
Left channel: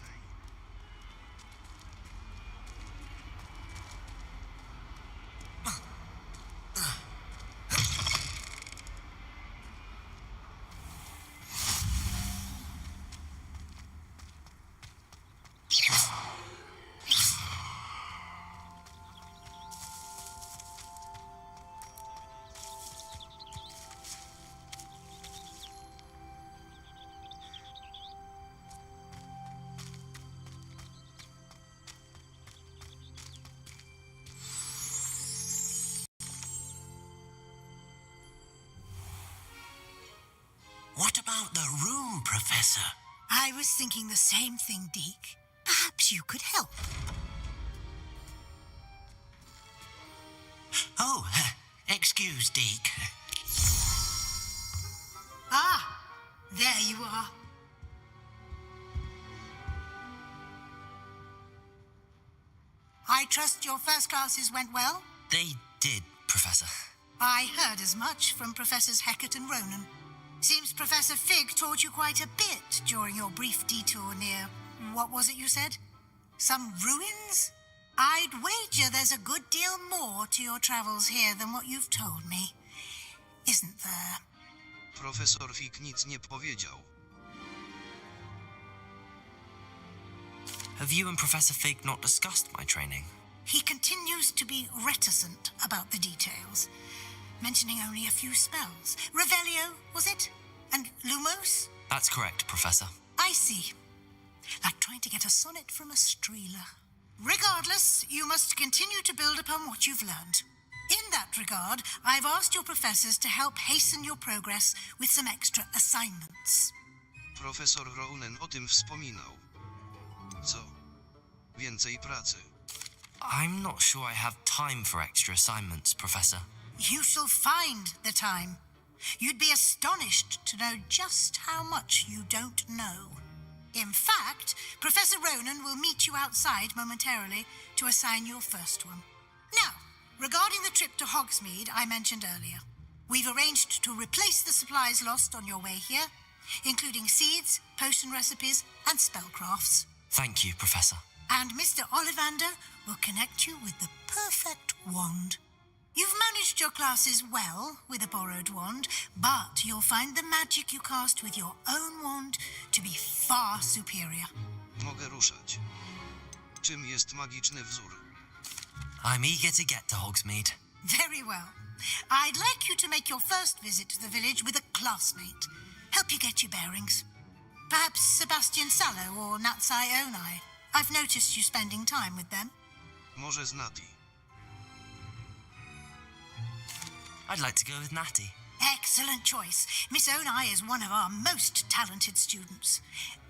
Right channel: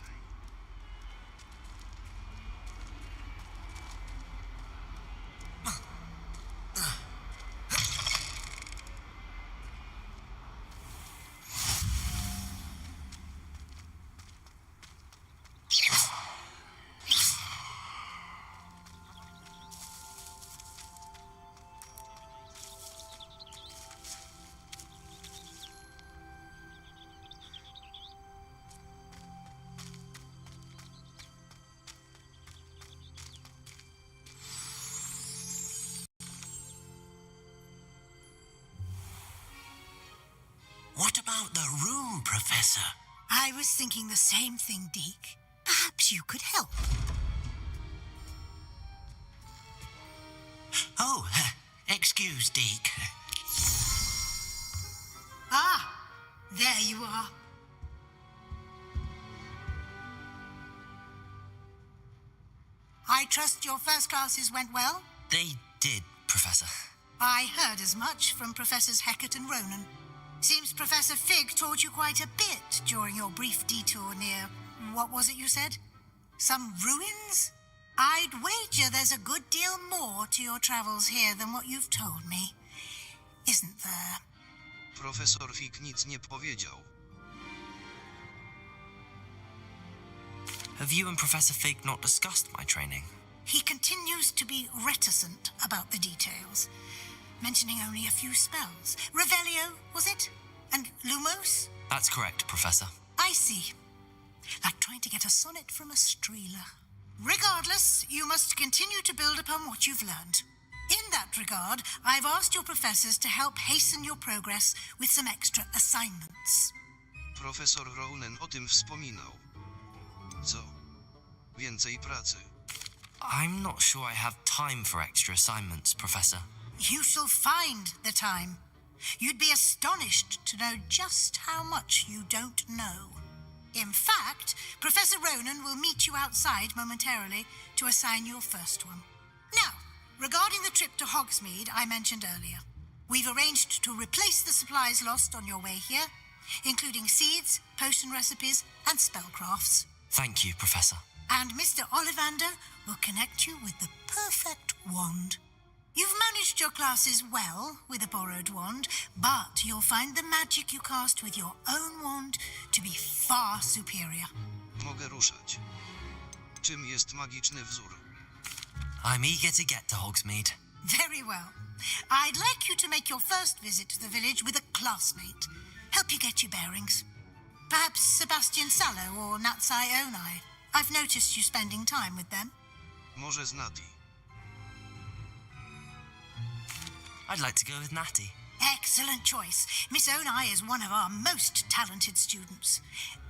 What about the room, Professor? I was thinking the same thing, Deke. Perhaps you could help. Oh, excuse, Deke. Ah, there you are. I trust your first classes went well? They did, Professor. I heard as much from Professors Hecat and Ronan. Seems Professor Fig taught you quite a bit during your brief detour near... what was it you said? Some ruins? I'd wager there's a good deal more to your travels here than what you've told me. Isn't there? Profesor Fig nic nie powiedział. Have you and Professor Fig not discussed my training? He continues to be reticent about the details, mentioning only a few spells. Revelio, was it? And Lumos? That's correct, Professor. I see. Like trying to get a sonnet from a streeler. Regardless, you must continue to build upon what you've learned. In that regard, I've asked your professors to help hasten your progress with some extra assignments. Profesor Ronan o tym wspominał. Co? Więcej pracy. I'm not sure I have time for extra assignments, Professor. You shall find the time. You'd be astonished to know just how much you don't know. In fact, Professor Ronan will meet you outside momentarily to assign your first one. Now, regarding the trip to Hogsmeade I mentioned earlier, we've arranged to replace the supplies lost on your way here, including seeds, potion recipes, and spellcrafts. Thank you, Professor. And Mr. Ollivander will connect you with the perfect wand. You've managed your classes well with a borrowed wand, but you'll find the magic you cast with your own wand to be far superior. Mogę ruszać. Czym jest magiczny wzór? I'm eager to get to Hogsmeade. Very well. I'd like you to make your first visit to the village with a classmate. Help you get your bearings. Perhaps Sebastian Sallow or Natsai Onai. I've noticed you spending time with them. Może z Nati. I'd like to go with Natty. Excellent choice. Miss Onai is one of our most talented students.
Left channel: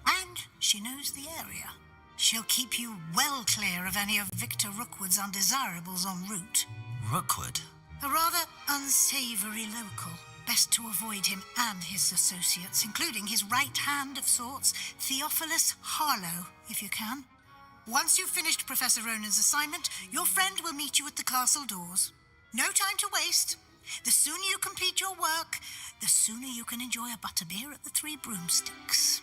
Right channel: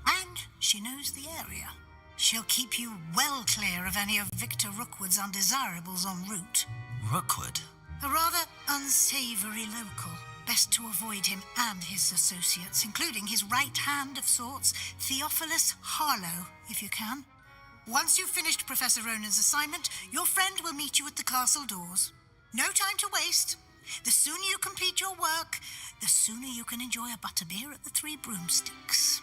And she knows the area. She'll keep you well clear of any of Victor Rookwood's undesirables en route. Rookwood? A rather unsavoury local. Best to avoid him and his associates, including his right hand of sorts, Theophilus Harlow, if you can. Once you've finished Professor Ronan's assignment, your friend will meet you at the castle doors. No time to waste. The sooner you complete your work, the sooner you can enjoy a butterbeer at the Three Broomsticks.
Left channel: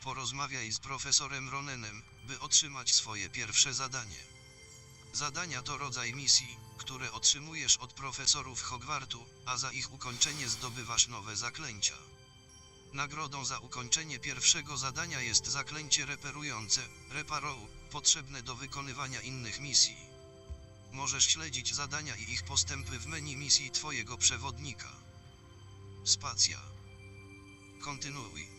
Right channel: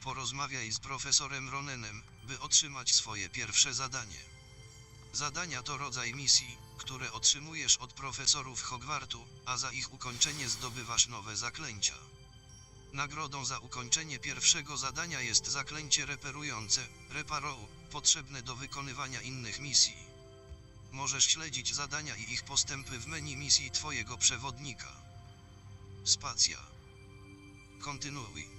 Porozmawiaj z profesorem Ronanem, by otrzymać swoje pierwsze zadanie. Zadania to rodzaj misji, które otrzymujesz od profesorów Hogwartu, a za ich ukończenie zdobywasz nowe zaklęcia. Nagrodą za ukończenie pierwszego zadania jest zaklęcie reperujące, Reparou, potrzebne do wykonywania innych misji. Możesz śledzić zadania i ich postępy w menu misji twojego przewodnika. Spacja. Kontynuuj.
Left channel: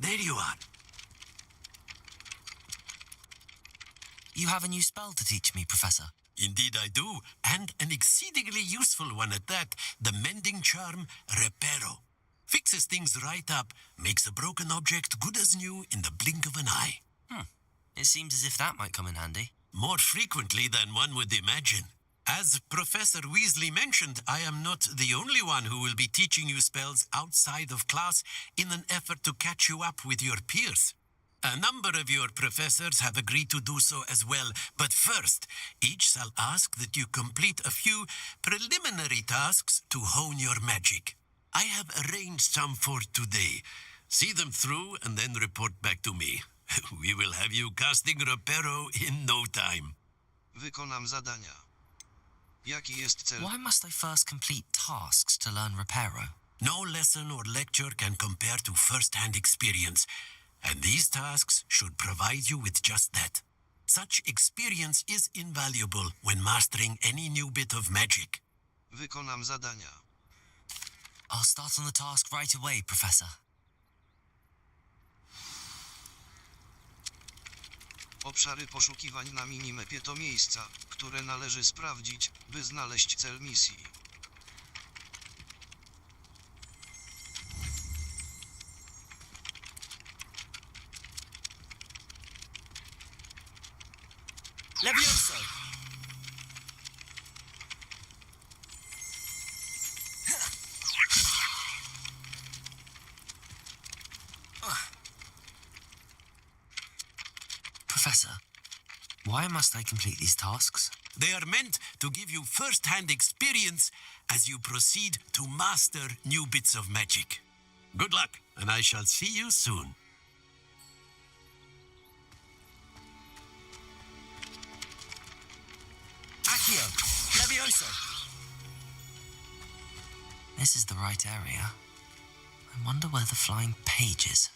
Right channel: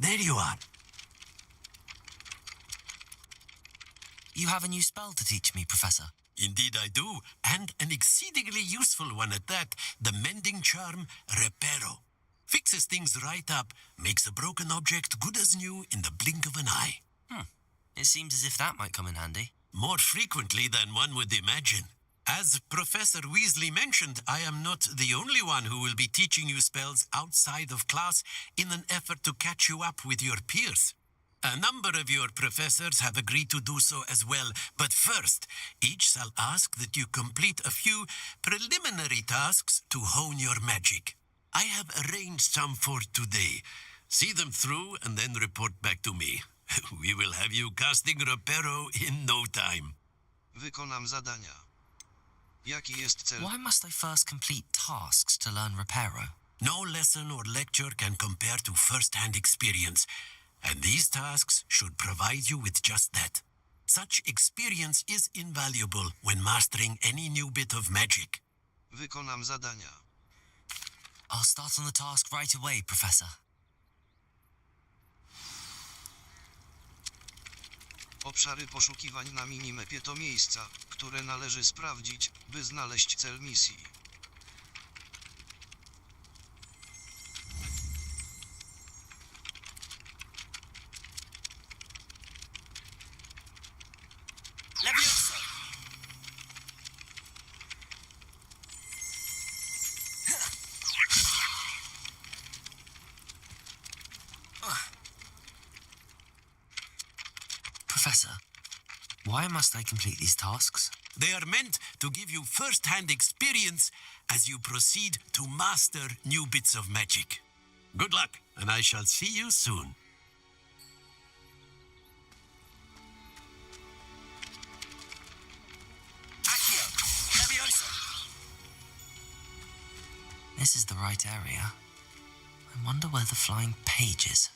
There you are. You have a new spell to teach me, Professor. Indeed I do, and an exceedingly useful one at that, the mending charm Reparo. Fixes things right up, makes a broken object good as new in the blink of an eye. It seems as if that might come in handy. more frequently than one would imagine. As Professor Weasley mentioned, I am not the only one who will be teaching you spells outside of class in an effort to catch you up with your peers. A number of your professors have agreed to do so as well, but first, each shall ask that you complete a few preliminary tasks to hone your magic. I have arranged some for today. See them through and then report back to me. We will have you casting Reparo in no time. Wykonam zadania. Jaki jest cel? Why must I first complete tasks to learn Reparo? No lesson or lecture can compare to first-hand experience, and these tasks should provide you with just that. Such experience is invaluable when mastering any new bit of magic. Wykonam zadania. I'll start on the task right away, Professor. Obszary poszukiwań na minimapie to miejsca, które należy sprawdzić, by znaleźć cel misji. Levioso! Professor, why must I complete these tasks? They are meant to give you first-hand experience as you proceed to master new bits of magic. Good luck, and I shall see you soon. Accio! Levioso! This is the right area. I wonder where the flying page is.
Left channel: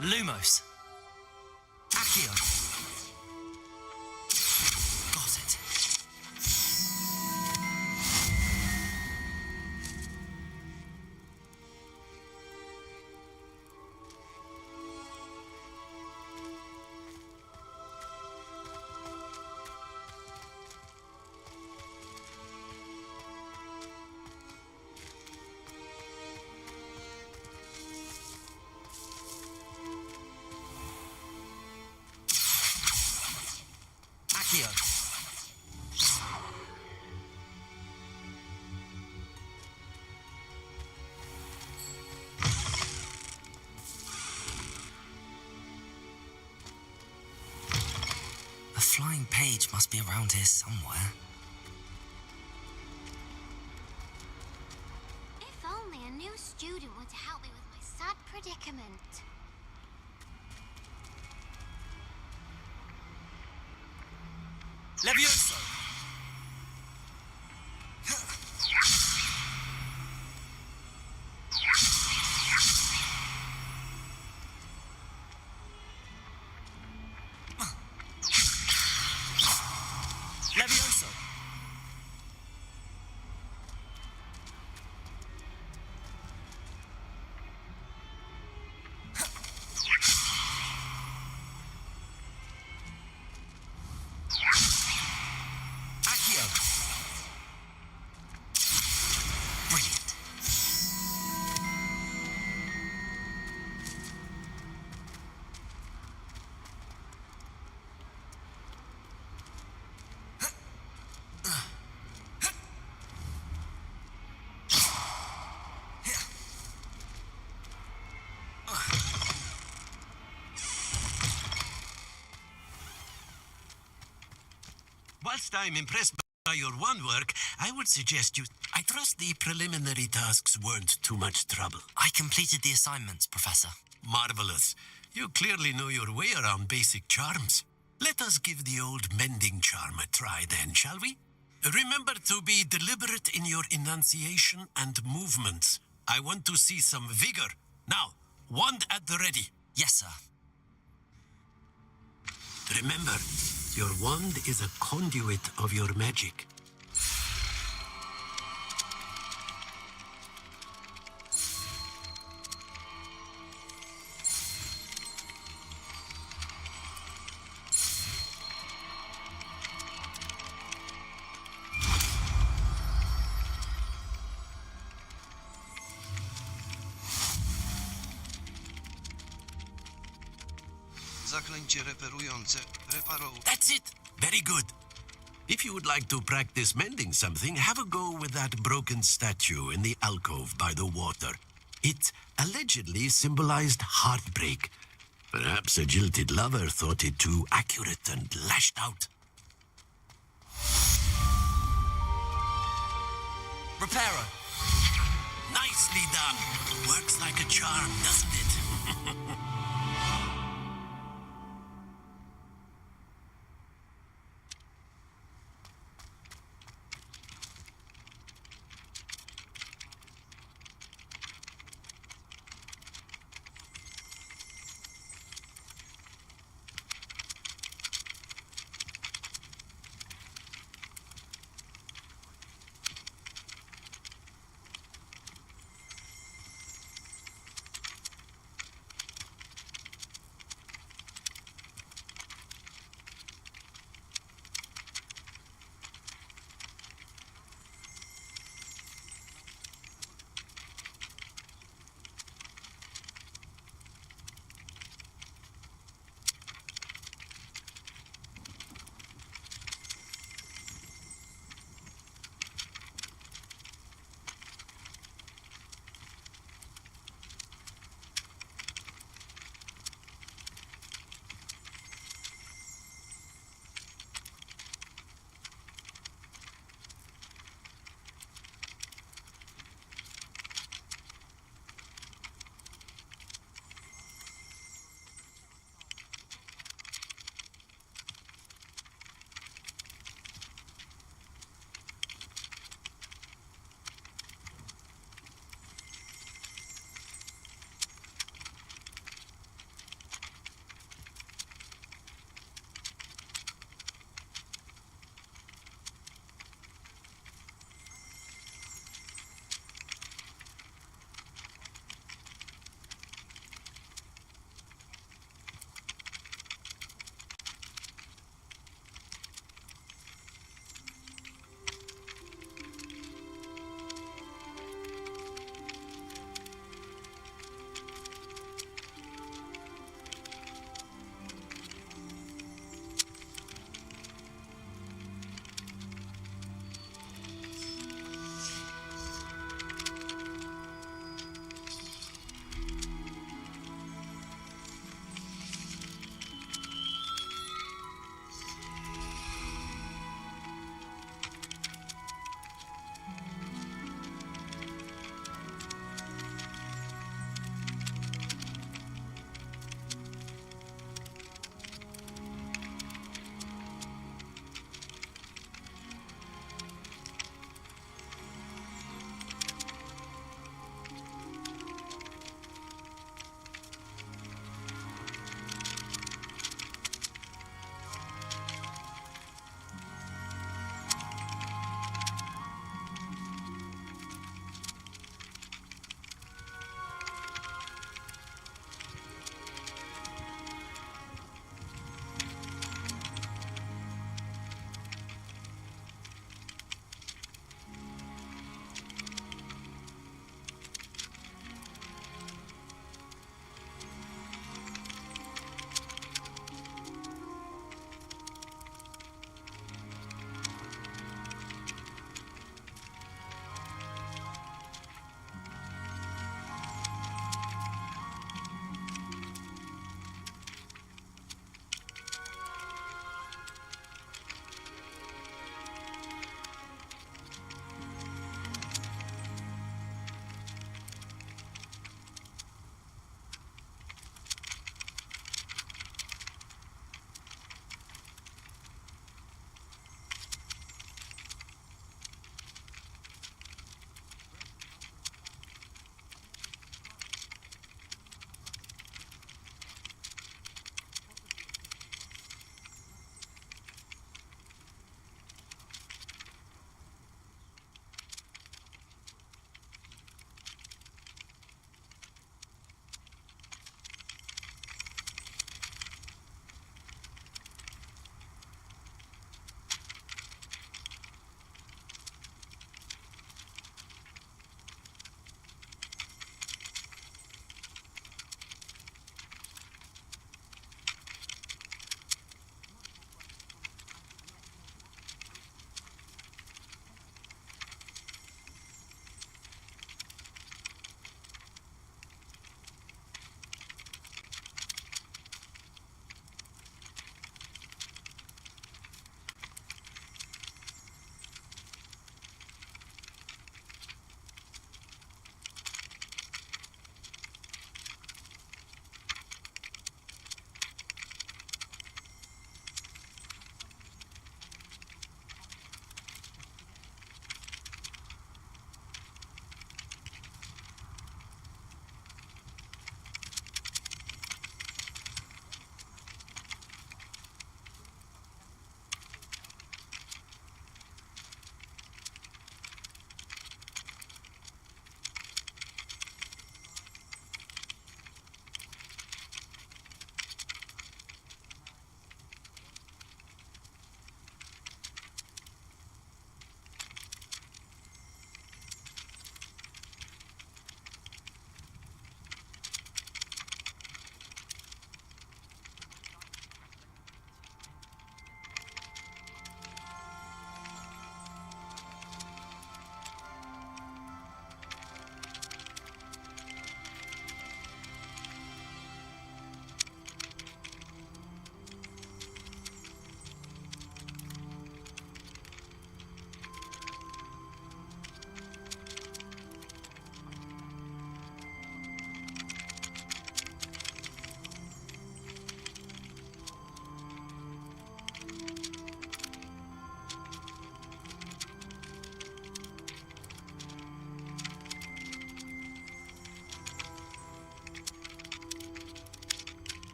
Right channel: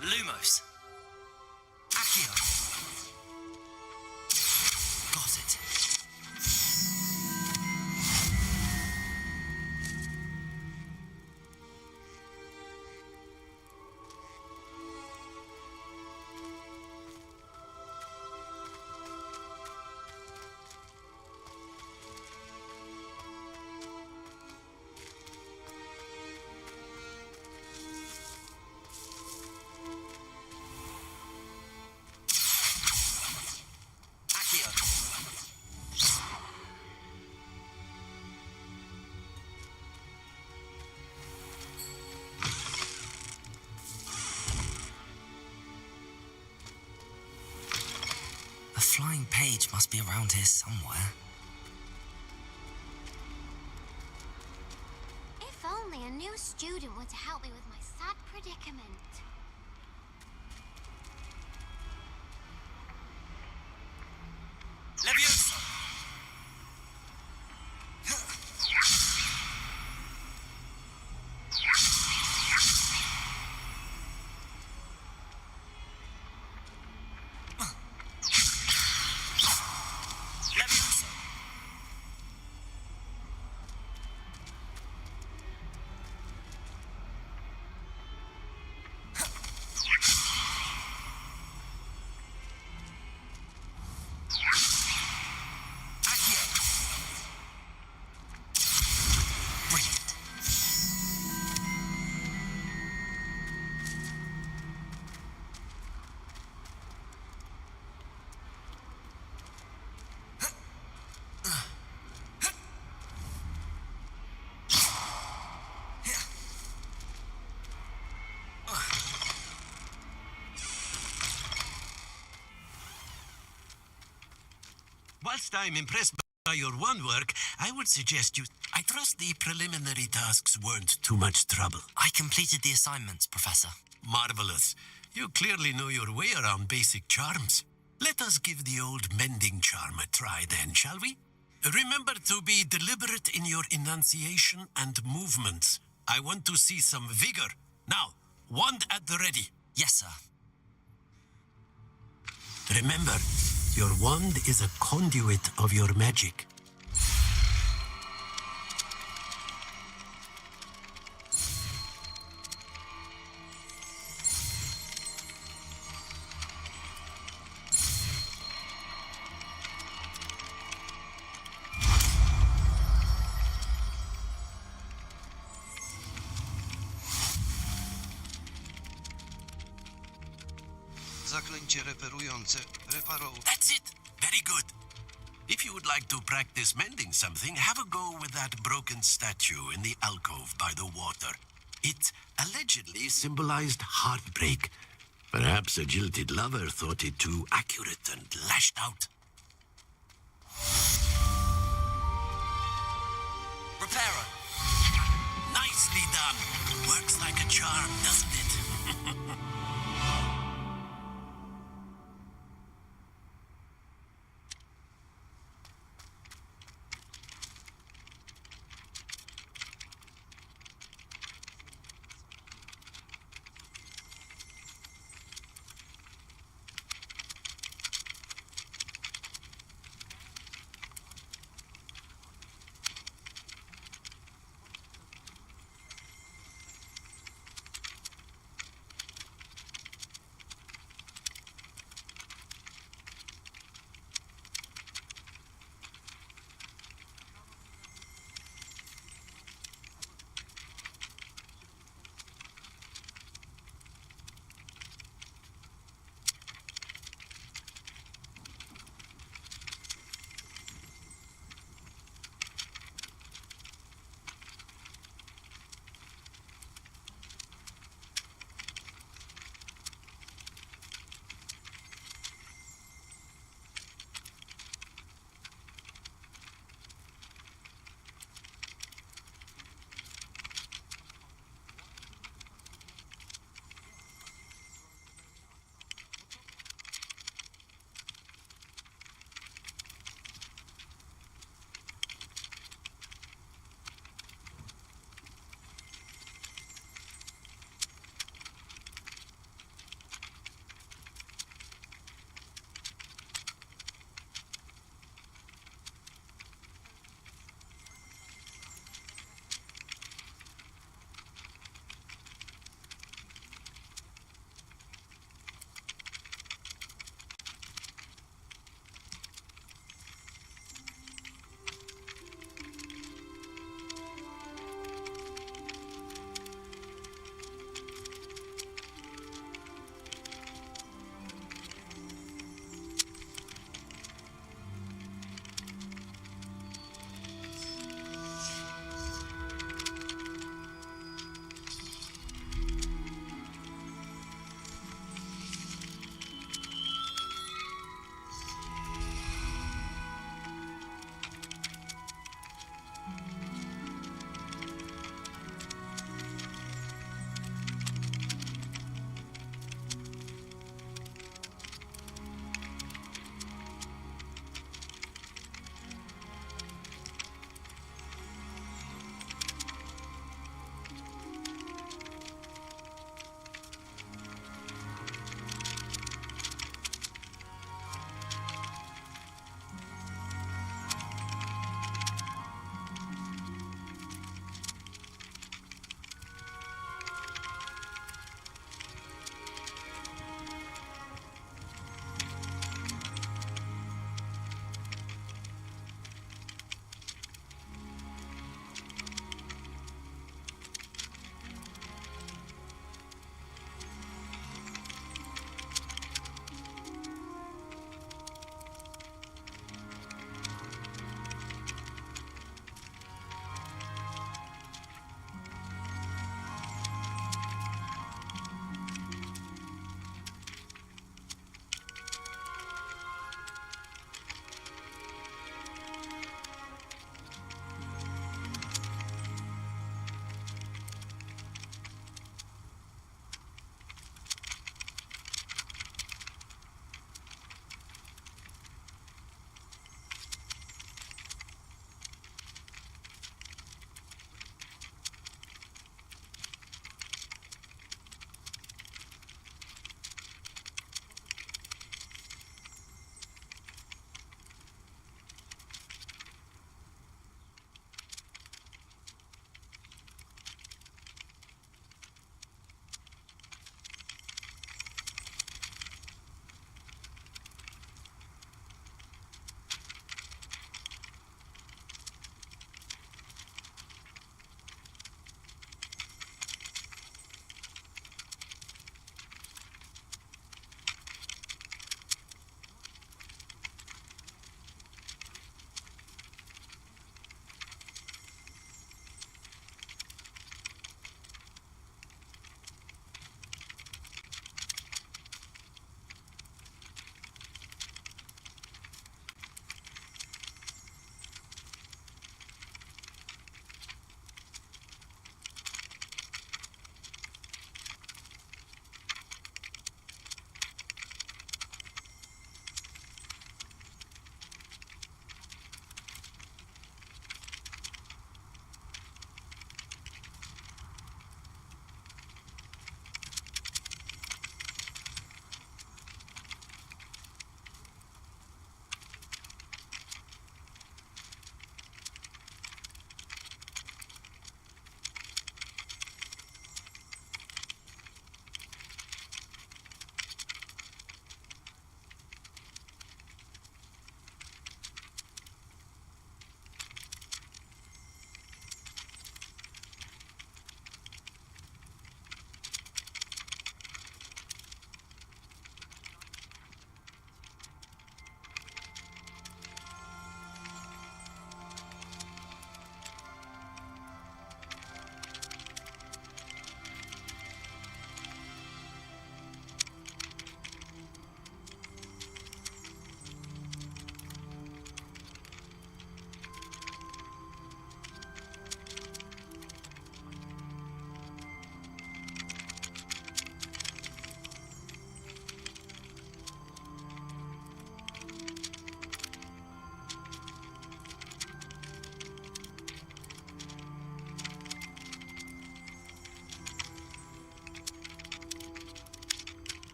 Lumos. Accio. Got it. A flying page must be around here somewhere. If only a new student were to help me with my sad predicament. Levioso! Levioso! Accio! Brilliant. Whilst I'm impressed by your wand work, I would suggest you... I trust the preliminary tasks weren't too much trouble. I completed the assignments, Professor. Marvelous. You clearly know your way around basic charms. Let us give the old mending charm a try then, shall we? Remember to be deliberate in your enunciation and movements. I want to see some vigor. Now, wand at the ready. Yes, sir. Remember, your wand is a conduit of your magic. Zaklęcie reperujące. Reparow. That's it. Very good. If you would like to practice mending something, have a go with that broken statue in the alcove by the water. It allegedly symbolized heartbreak. Perhaps a jilted lover thought it too accurate and lashed out. Reparo. Nicely done. Works like a charm, doesn't it?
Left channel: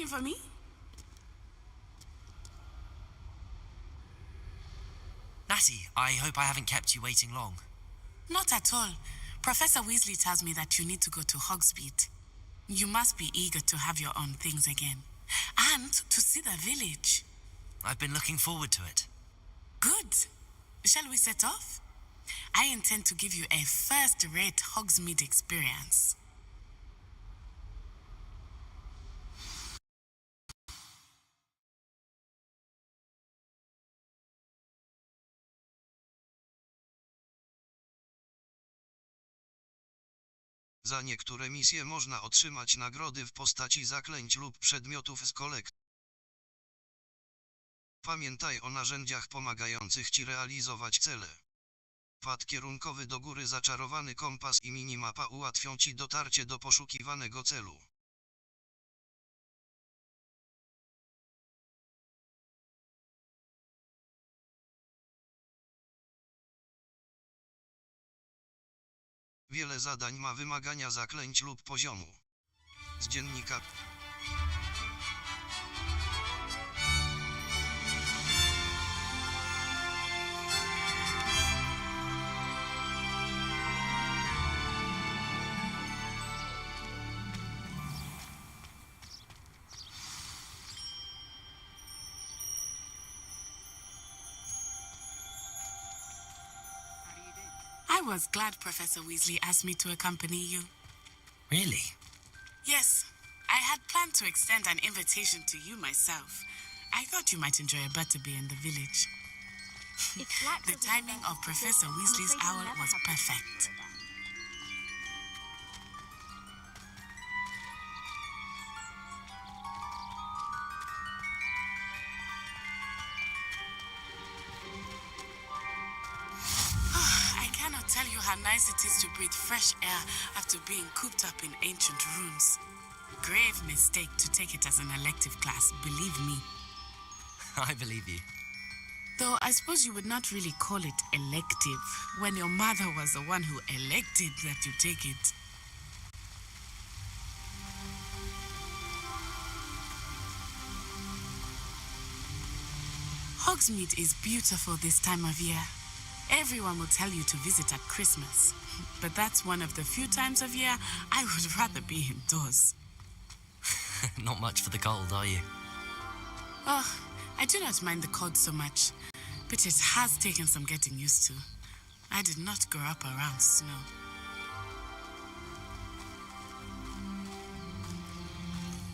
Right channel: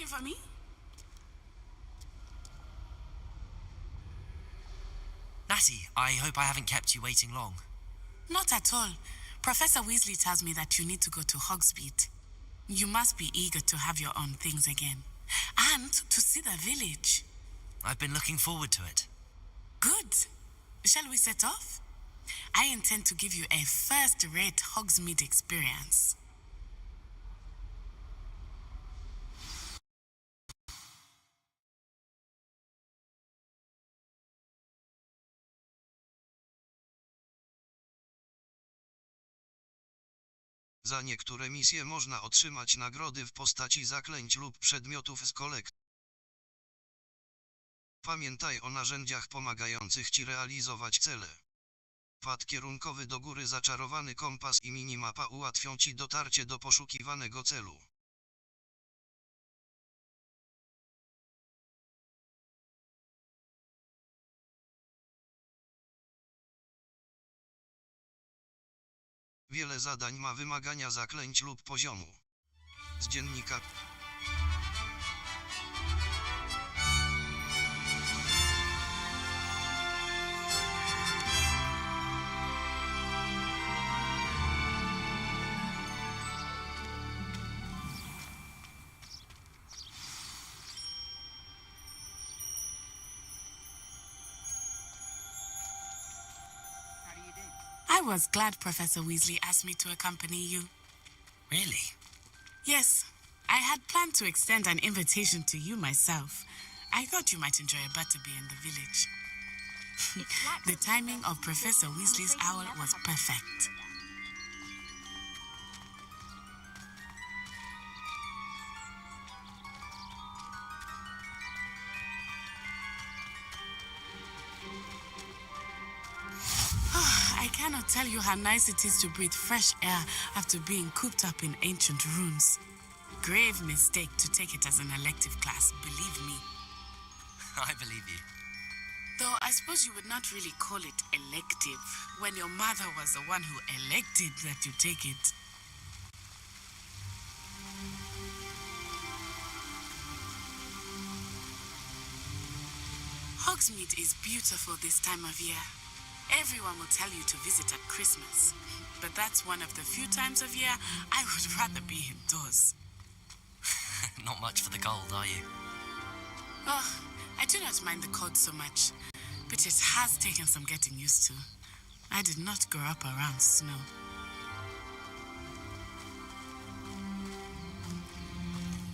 looking for me? Natty, I hope I haven't kept you waiting long. Not at all. Professor Weasley tells me that you need to go to Hogsmeade. You must be eager to have your own things again. And to see the village. I've been looking forward to it. Good. Shall we set off? I intend to give you a first-rate Hogsmeade experience. Za niektóre misje można otrzymać nagrody w postaci zaklęć lub przedmiotów z kolekcji. Pamiętaj o narzędziach pomagających Ci realizować cele. Pad kierunkowy do góry, zaczarowany kompas i minimapa ułatwią Ci dotarcie do poszukiwanego celu. Wiele zadań ma wymagania zaklęć lub poziomu. Z dziennika. I was glad Professor Weasley asked me to accompany you. Really? Yes, I had planned to extend an invitation to you myself. I thought you might enjoy a butterbeer in the village. The timing of Professor Weasley's owl was perfect. I cannot tell you how nice it is to breathe fresh air after being cooped up in ancient rooms. Grave mistake to take it as an elective class, believe me. I believe you. Though I suppose you would not really call it elective when your mother was the one who elected that you take it. Hogsmeade is beautiful this time of year. Everyone will tell you to visit at Christmas, but that's one of the few times of year I would rather be indoors. Not much for the cold, are you? Oh, I do not mind the cold so much, but it has taken some getting used to. I did not grow up around snow.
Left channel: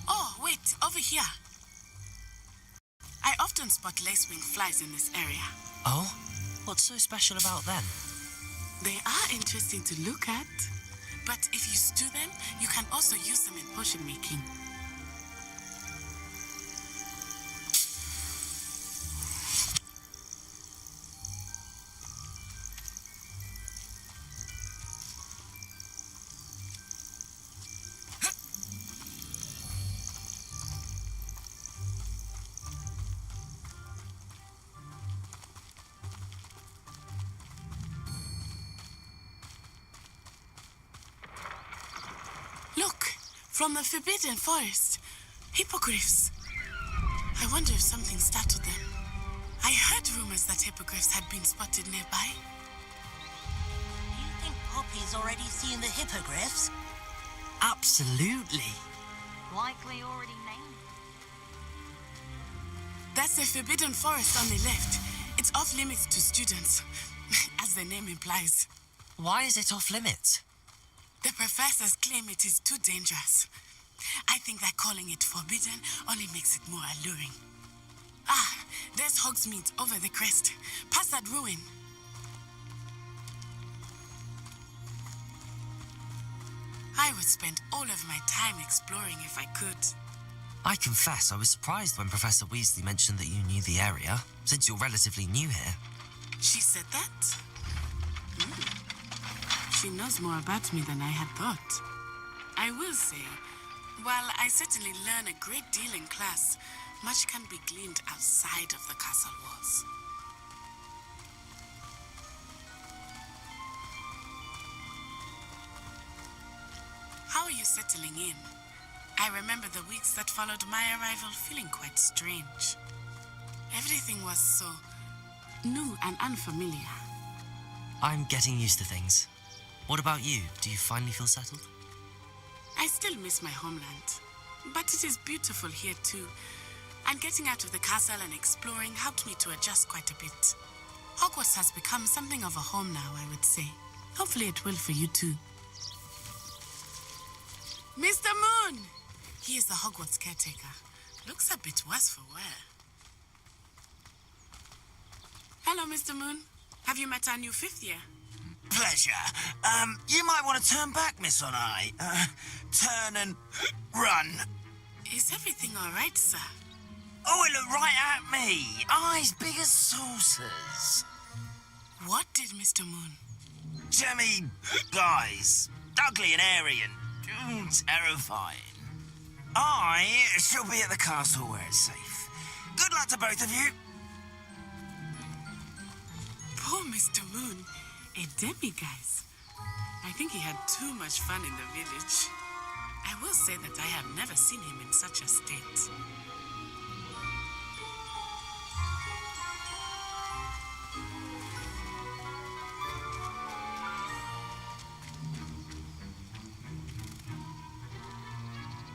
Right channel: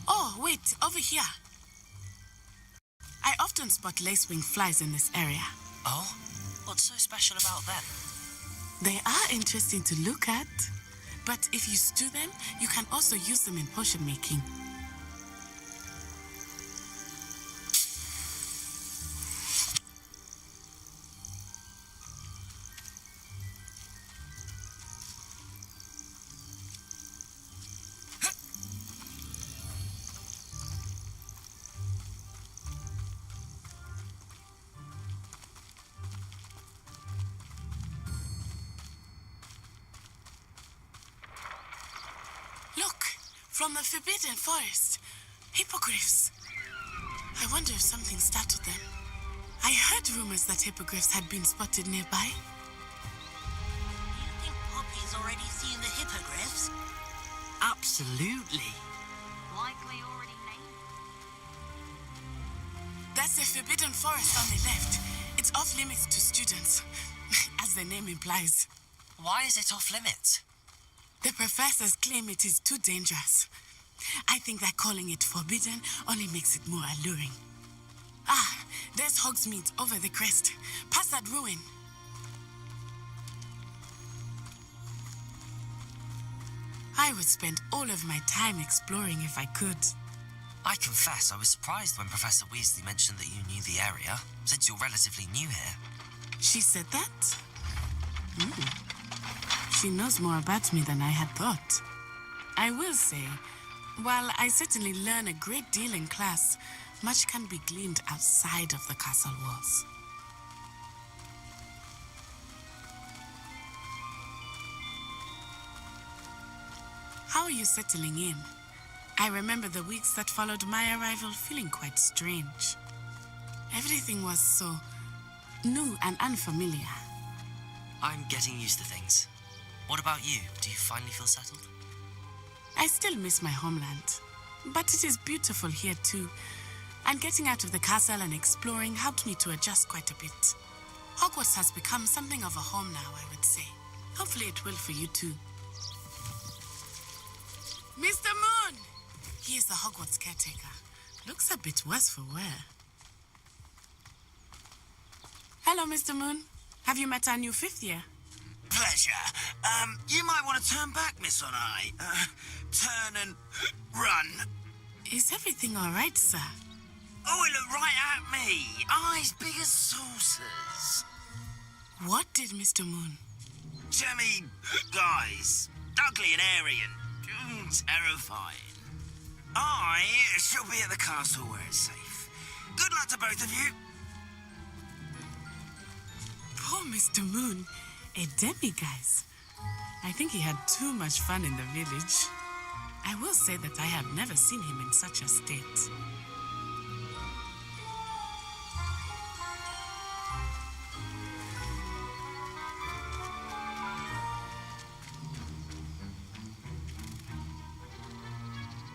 Oh, wait, over here. I often spot lacewing flies in this area. Oh? What's so special about them? They are interesting to look at, but if you stew them, you can also use them in potion making. Look, from the Forbidden Forest. Hippogriffs. I wonder if something startled them. I heard rumors that hippogriffs had been spotted nearby. Do you think Poppy's already seen the hippogriffs? Absolutely. Likely already named. That's the Forbidden Forest on the left. It's off limits to students, as the name implies. Why is it off limits? The professors claim it is too dangerous. I think that calling it forbidden only makes it more alluring. Ah, there's Hogsmeade over the crest. Past that ruin. I would spend all of my time exploring if I could. I confess I was surprised when Professor Weasley mentioned that you knew the area, since you're relatively new here. She said that? She knows more about me than I had thought. I will say, while I certainly learn a great deal in class, much can be gleaned outside of the castle walls. How are you settling in? I remember the weeks that followed my arrival feeling quite strange. Everything was so new and unfamiliar. I'm getting used to things. What about you? Do you finally feel settled? I still miss my homeland, but it is beautiful here too. And getting out of the castle and exploring helped me to adjust quite a bit. Hogwarts has become something of a home now, I would say. Hopefully it will for you too. Mr. Moon! He is the Hogwarts caretaker. Looks a bit worse for wear. Hello, Mr. Moon. Have you met our new 5th year? Pleasure. You might want to turn back, Miss Onai. Turn and run. Is everything all right, sir? Oh, it looked right at me. Eyes big as saucers. What did Mr. Moon? Jemmy guys. Ugly and airy and terrifying. I shall be at the castle where it's safe. Good luck to both of you. Poor Mr. Moon. A demiguise. I think he had too much fun in the village. I will say that I have never seen him in such a state.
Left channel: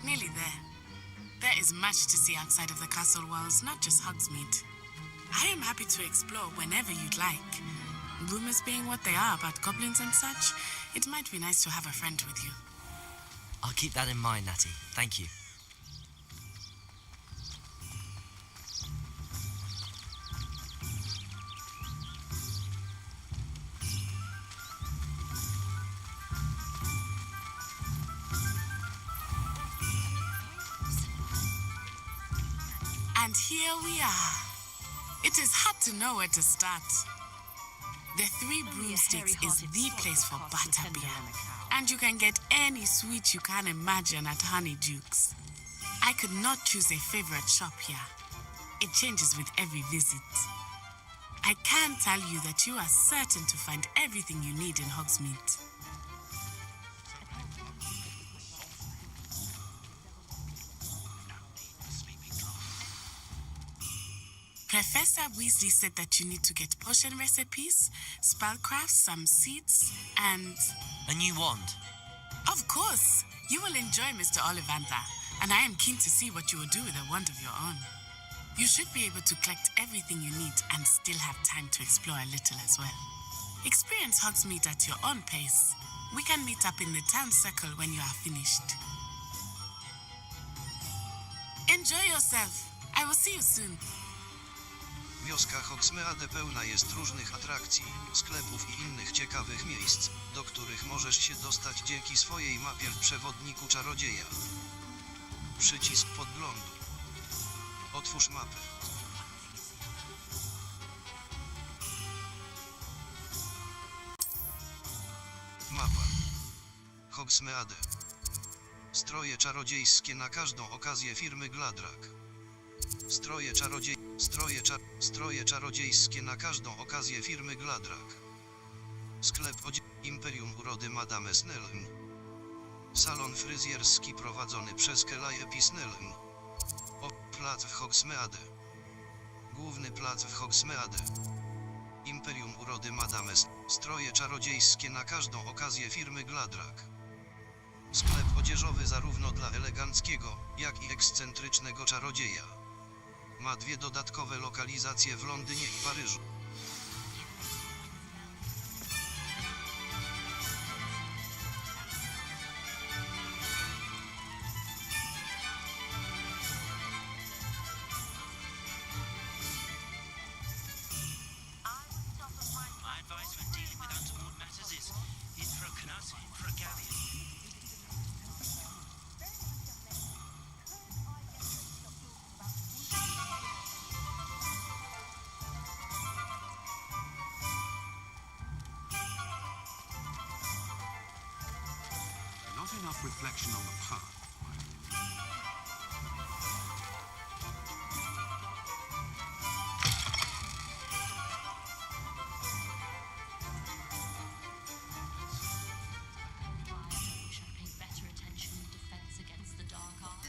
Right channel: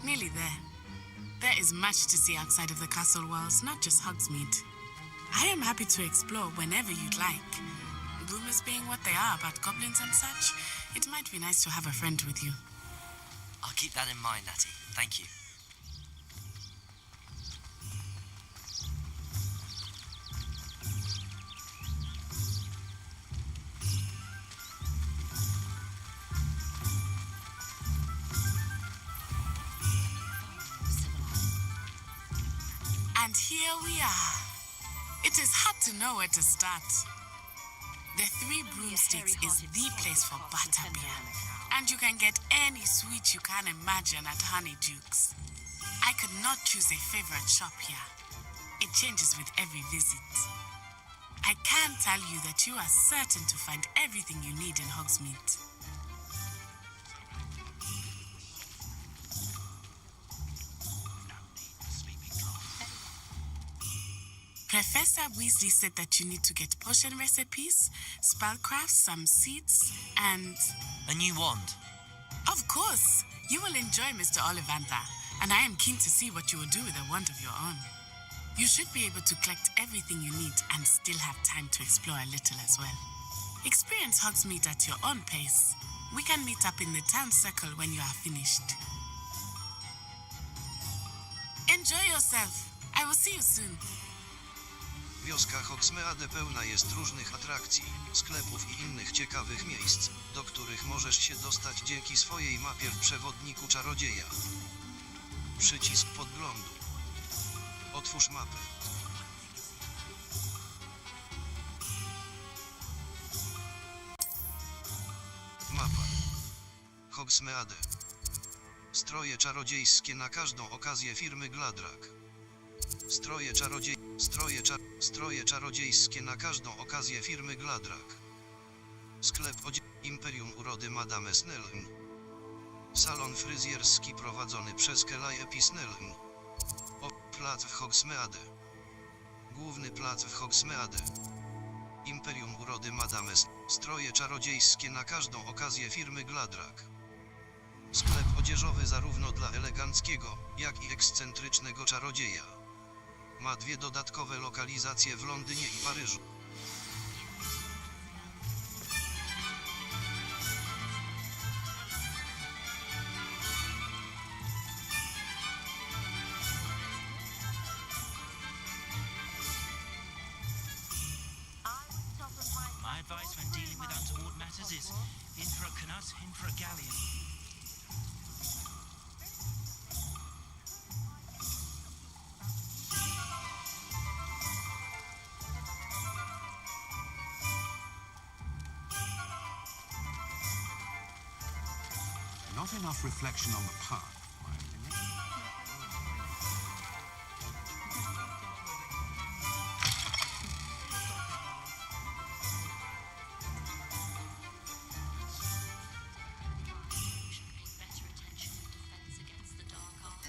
Nearly there. There is much to see outside of the castle walls, not just Hogsmeade. I am happy to explore whenever you'd like. Rumors being what they are about goblins and such, it might be nice to have a friend with you. I'll keep that in mind, Natty. Thank you. And here we are. It is hard to know where to start. The Three Broomsticks is the place for butterbeer. And you can get any sweet you can imagine at Honeydukes. I could not choose a favorite shop here. It changes with every visit. I can tell you that you are certain to find everything you need in Hogsmeade. Professor Weasley said that you need to get potion recipes, spellcrafts, some seeds, and... A new wand? Of course! You will enjoy Mr. Ollivander, and I am keen to see what you will do with a wand of your own. You should be able to collect everything you need and still have time to explore a little as well. Experience Hogsmeade at your own pace. We can meet up in the town circle when you are finished. Enjoy yourself. I will see you soon. Wioska Hogsmeade pełna jest różnych atrakcji, sklepów i innych ciekawych miejsc, do których możesz się dostać dzięki swojej mapie w przewodniku czarodzieja. Przycisk podglądu. Otwórz mapę. Mapa. Hogsmeade. Stroje czarodziejskie na każdą okazję firmy Gladrak. Stroje czarodziejskie na każdą okazję firmy Gladrak. Sklep Imperium Urody Madame Snelln. Salon fryzjerski prowadzony przez Calliope Snelln. Plac w Hogsmeade. Główny plac w Hogsmeade. Imperium Urody Madame Stroje czarodziejskie na każdą okazję firmy Gladrak. Sklep odzieżowy zarówno dla eleganckiego, jak i ekscentrycznego czarodzieja. Ma 2 dodatkowe lokalizacje w Londynie i Paryżu. My advice when dealing with untoward matters is in for a canut, in for a galleon. Not enough reflection on the path, in my opinion. Should pay better attention in defense against the dark arts.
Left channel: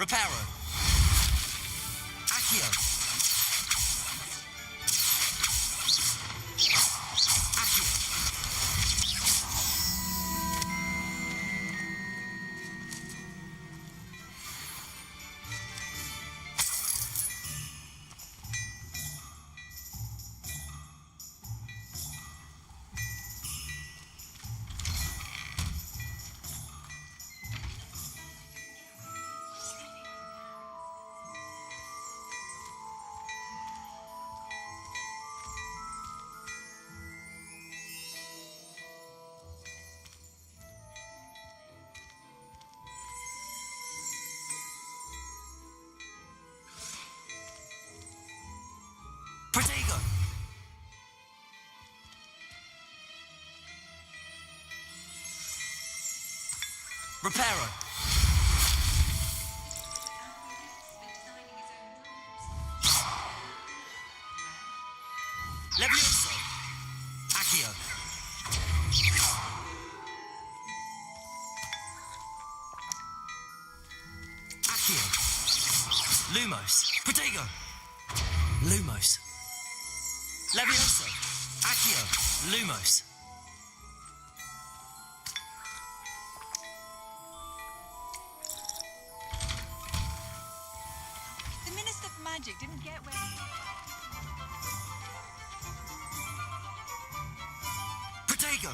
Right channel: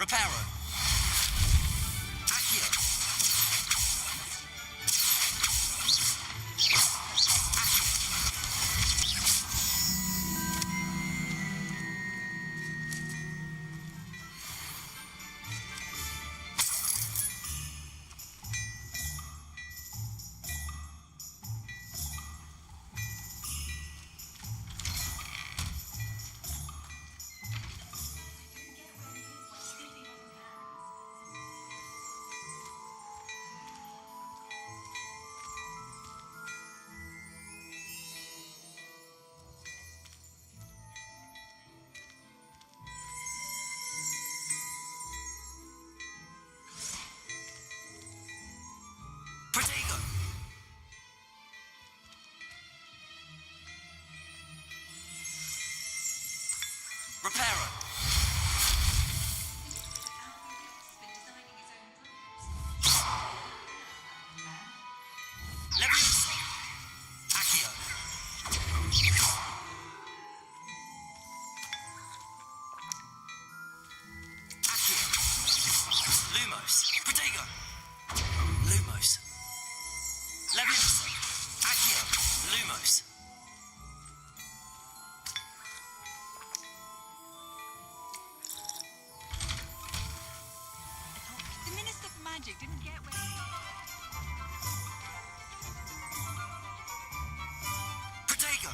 Reparo. Accio. Accio. Protego. Reparo. Levioso. Accio. Accio. Lumos. Protego. Lumos. Levioso. Accio. Lumos. The Minister for Magic didn't get where... Protego.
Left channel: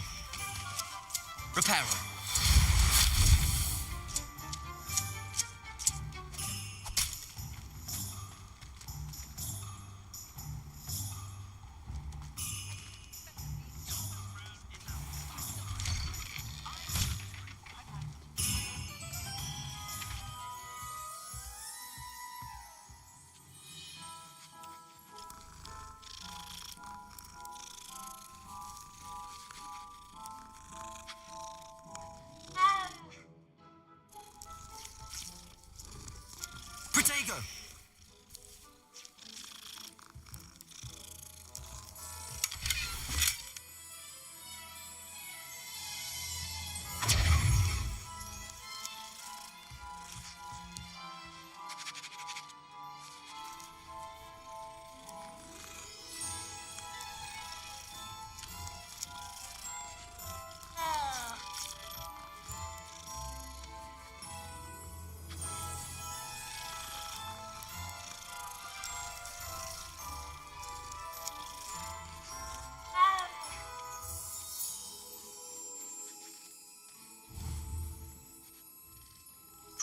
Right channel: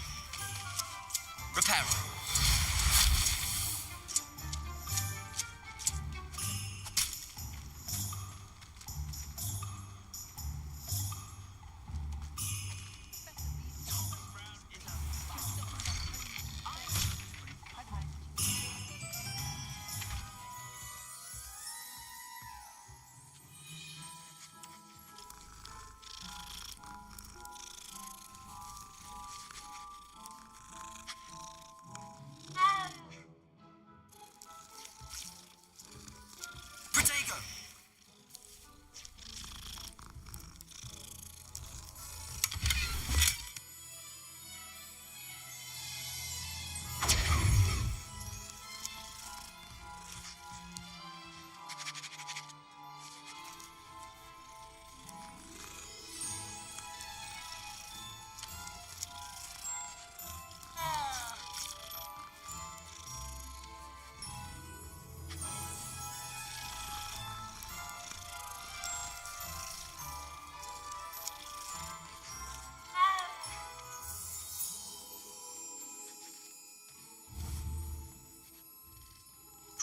Reparo. Protego.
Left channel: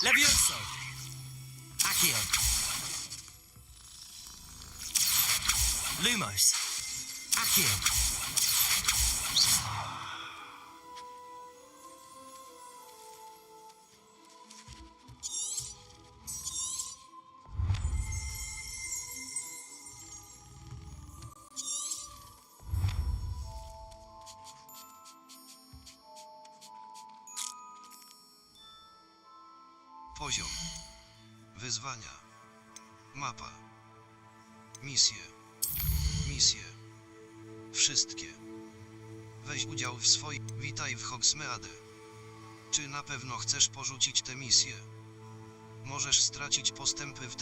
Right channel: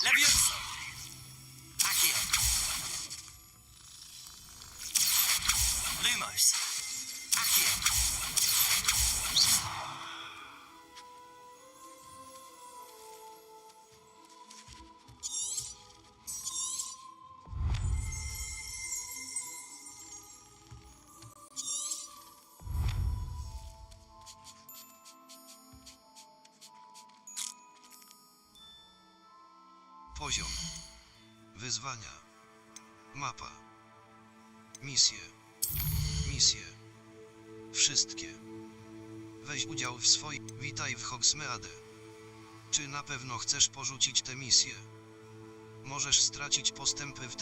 Levioso. Accio. Lumos. Accio. Poziom. Wyzwania. Mapa. Misje. Misje. Wszystkie. Weź udział w swoich... Witaj w Hogsmeade. Czy na pewno chcesz porzucić tę misję? Możesz stracić postępy w...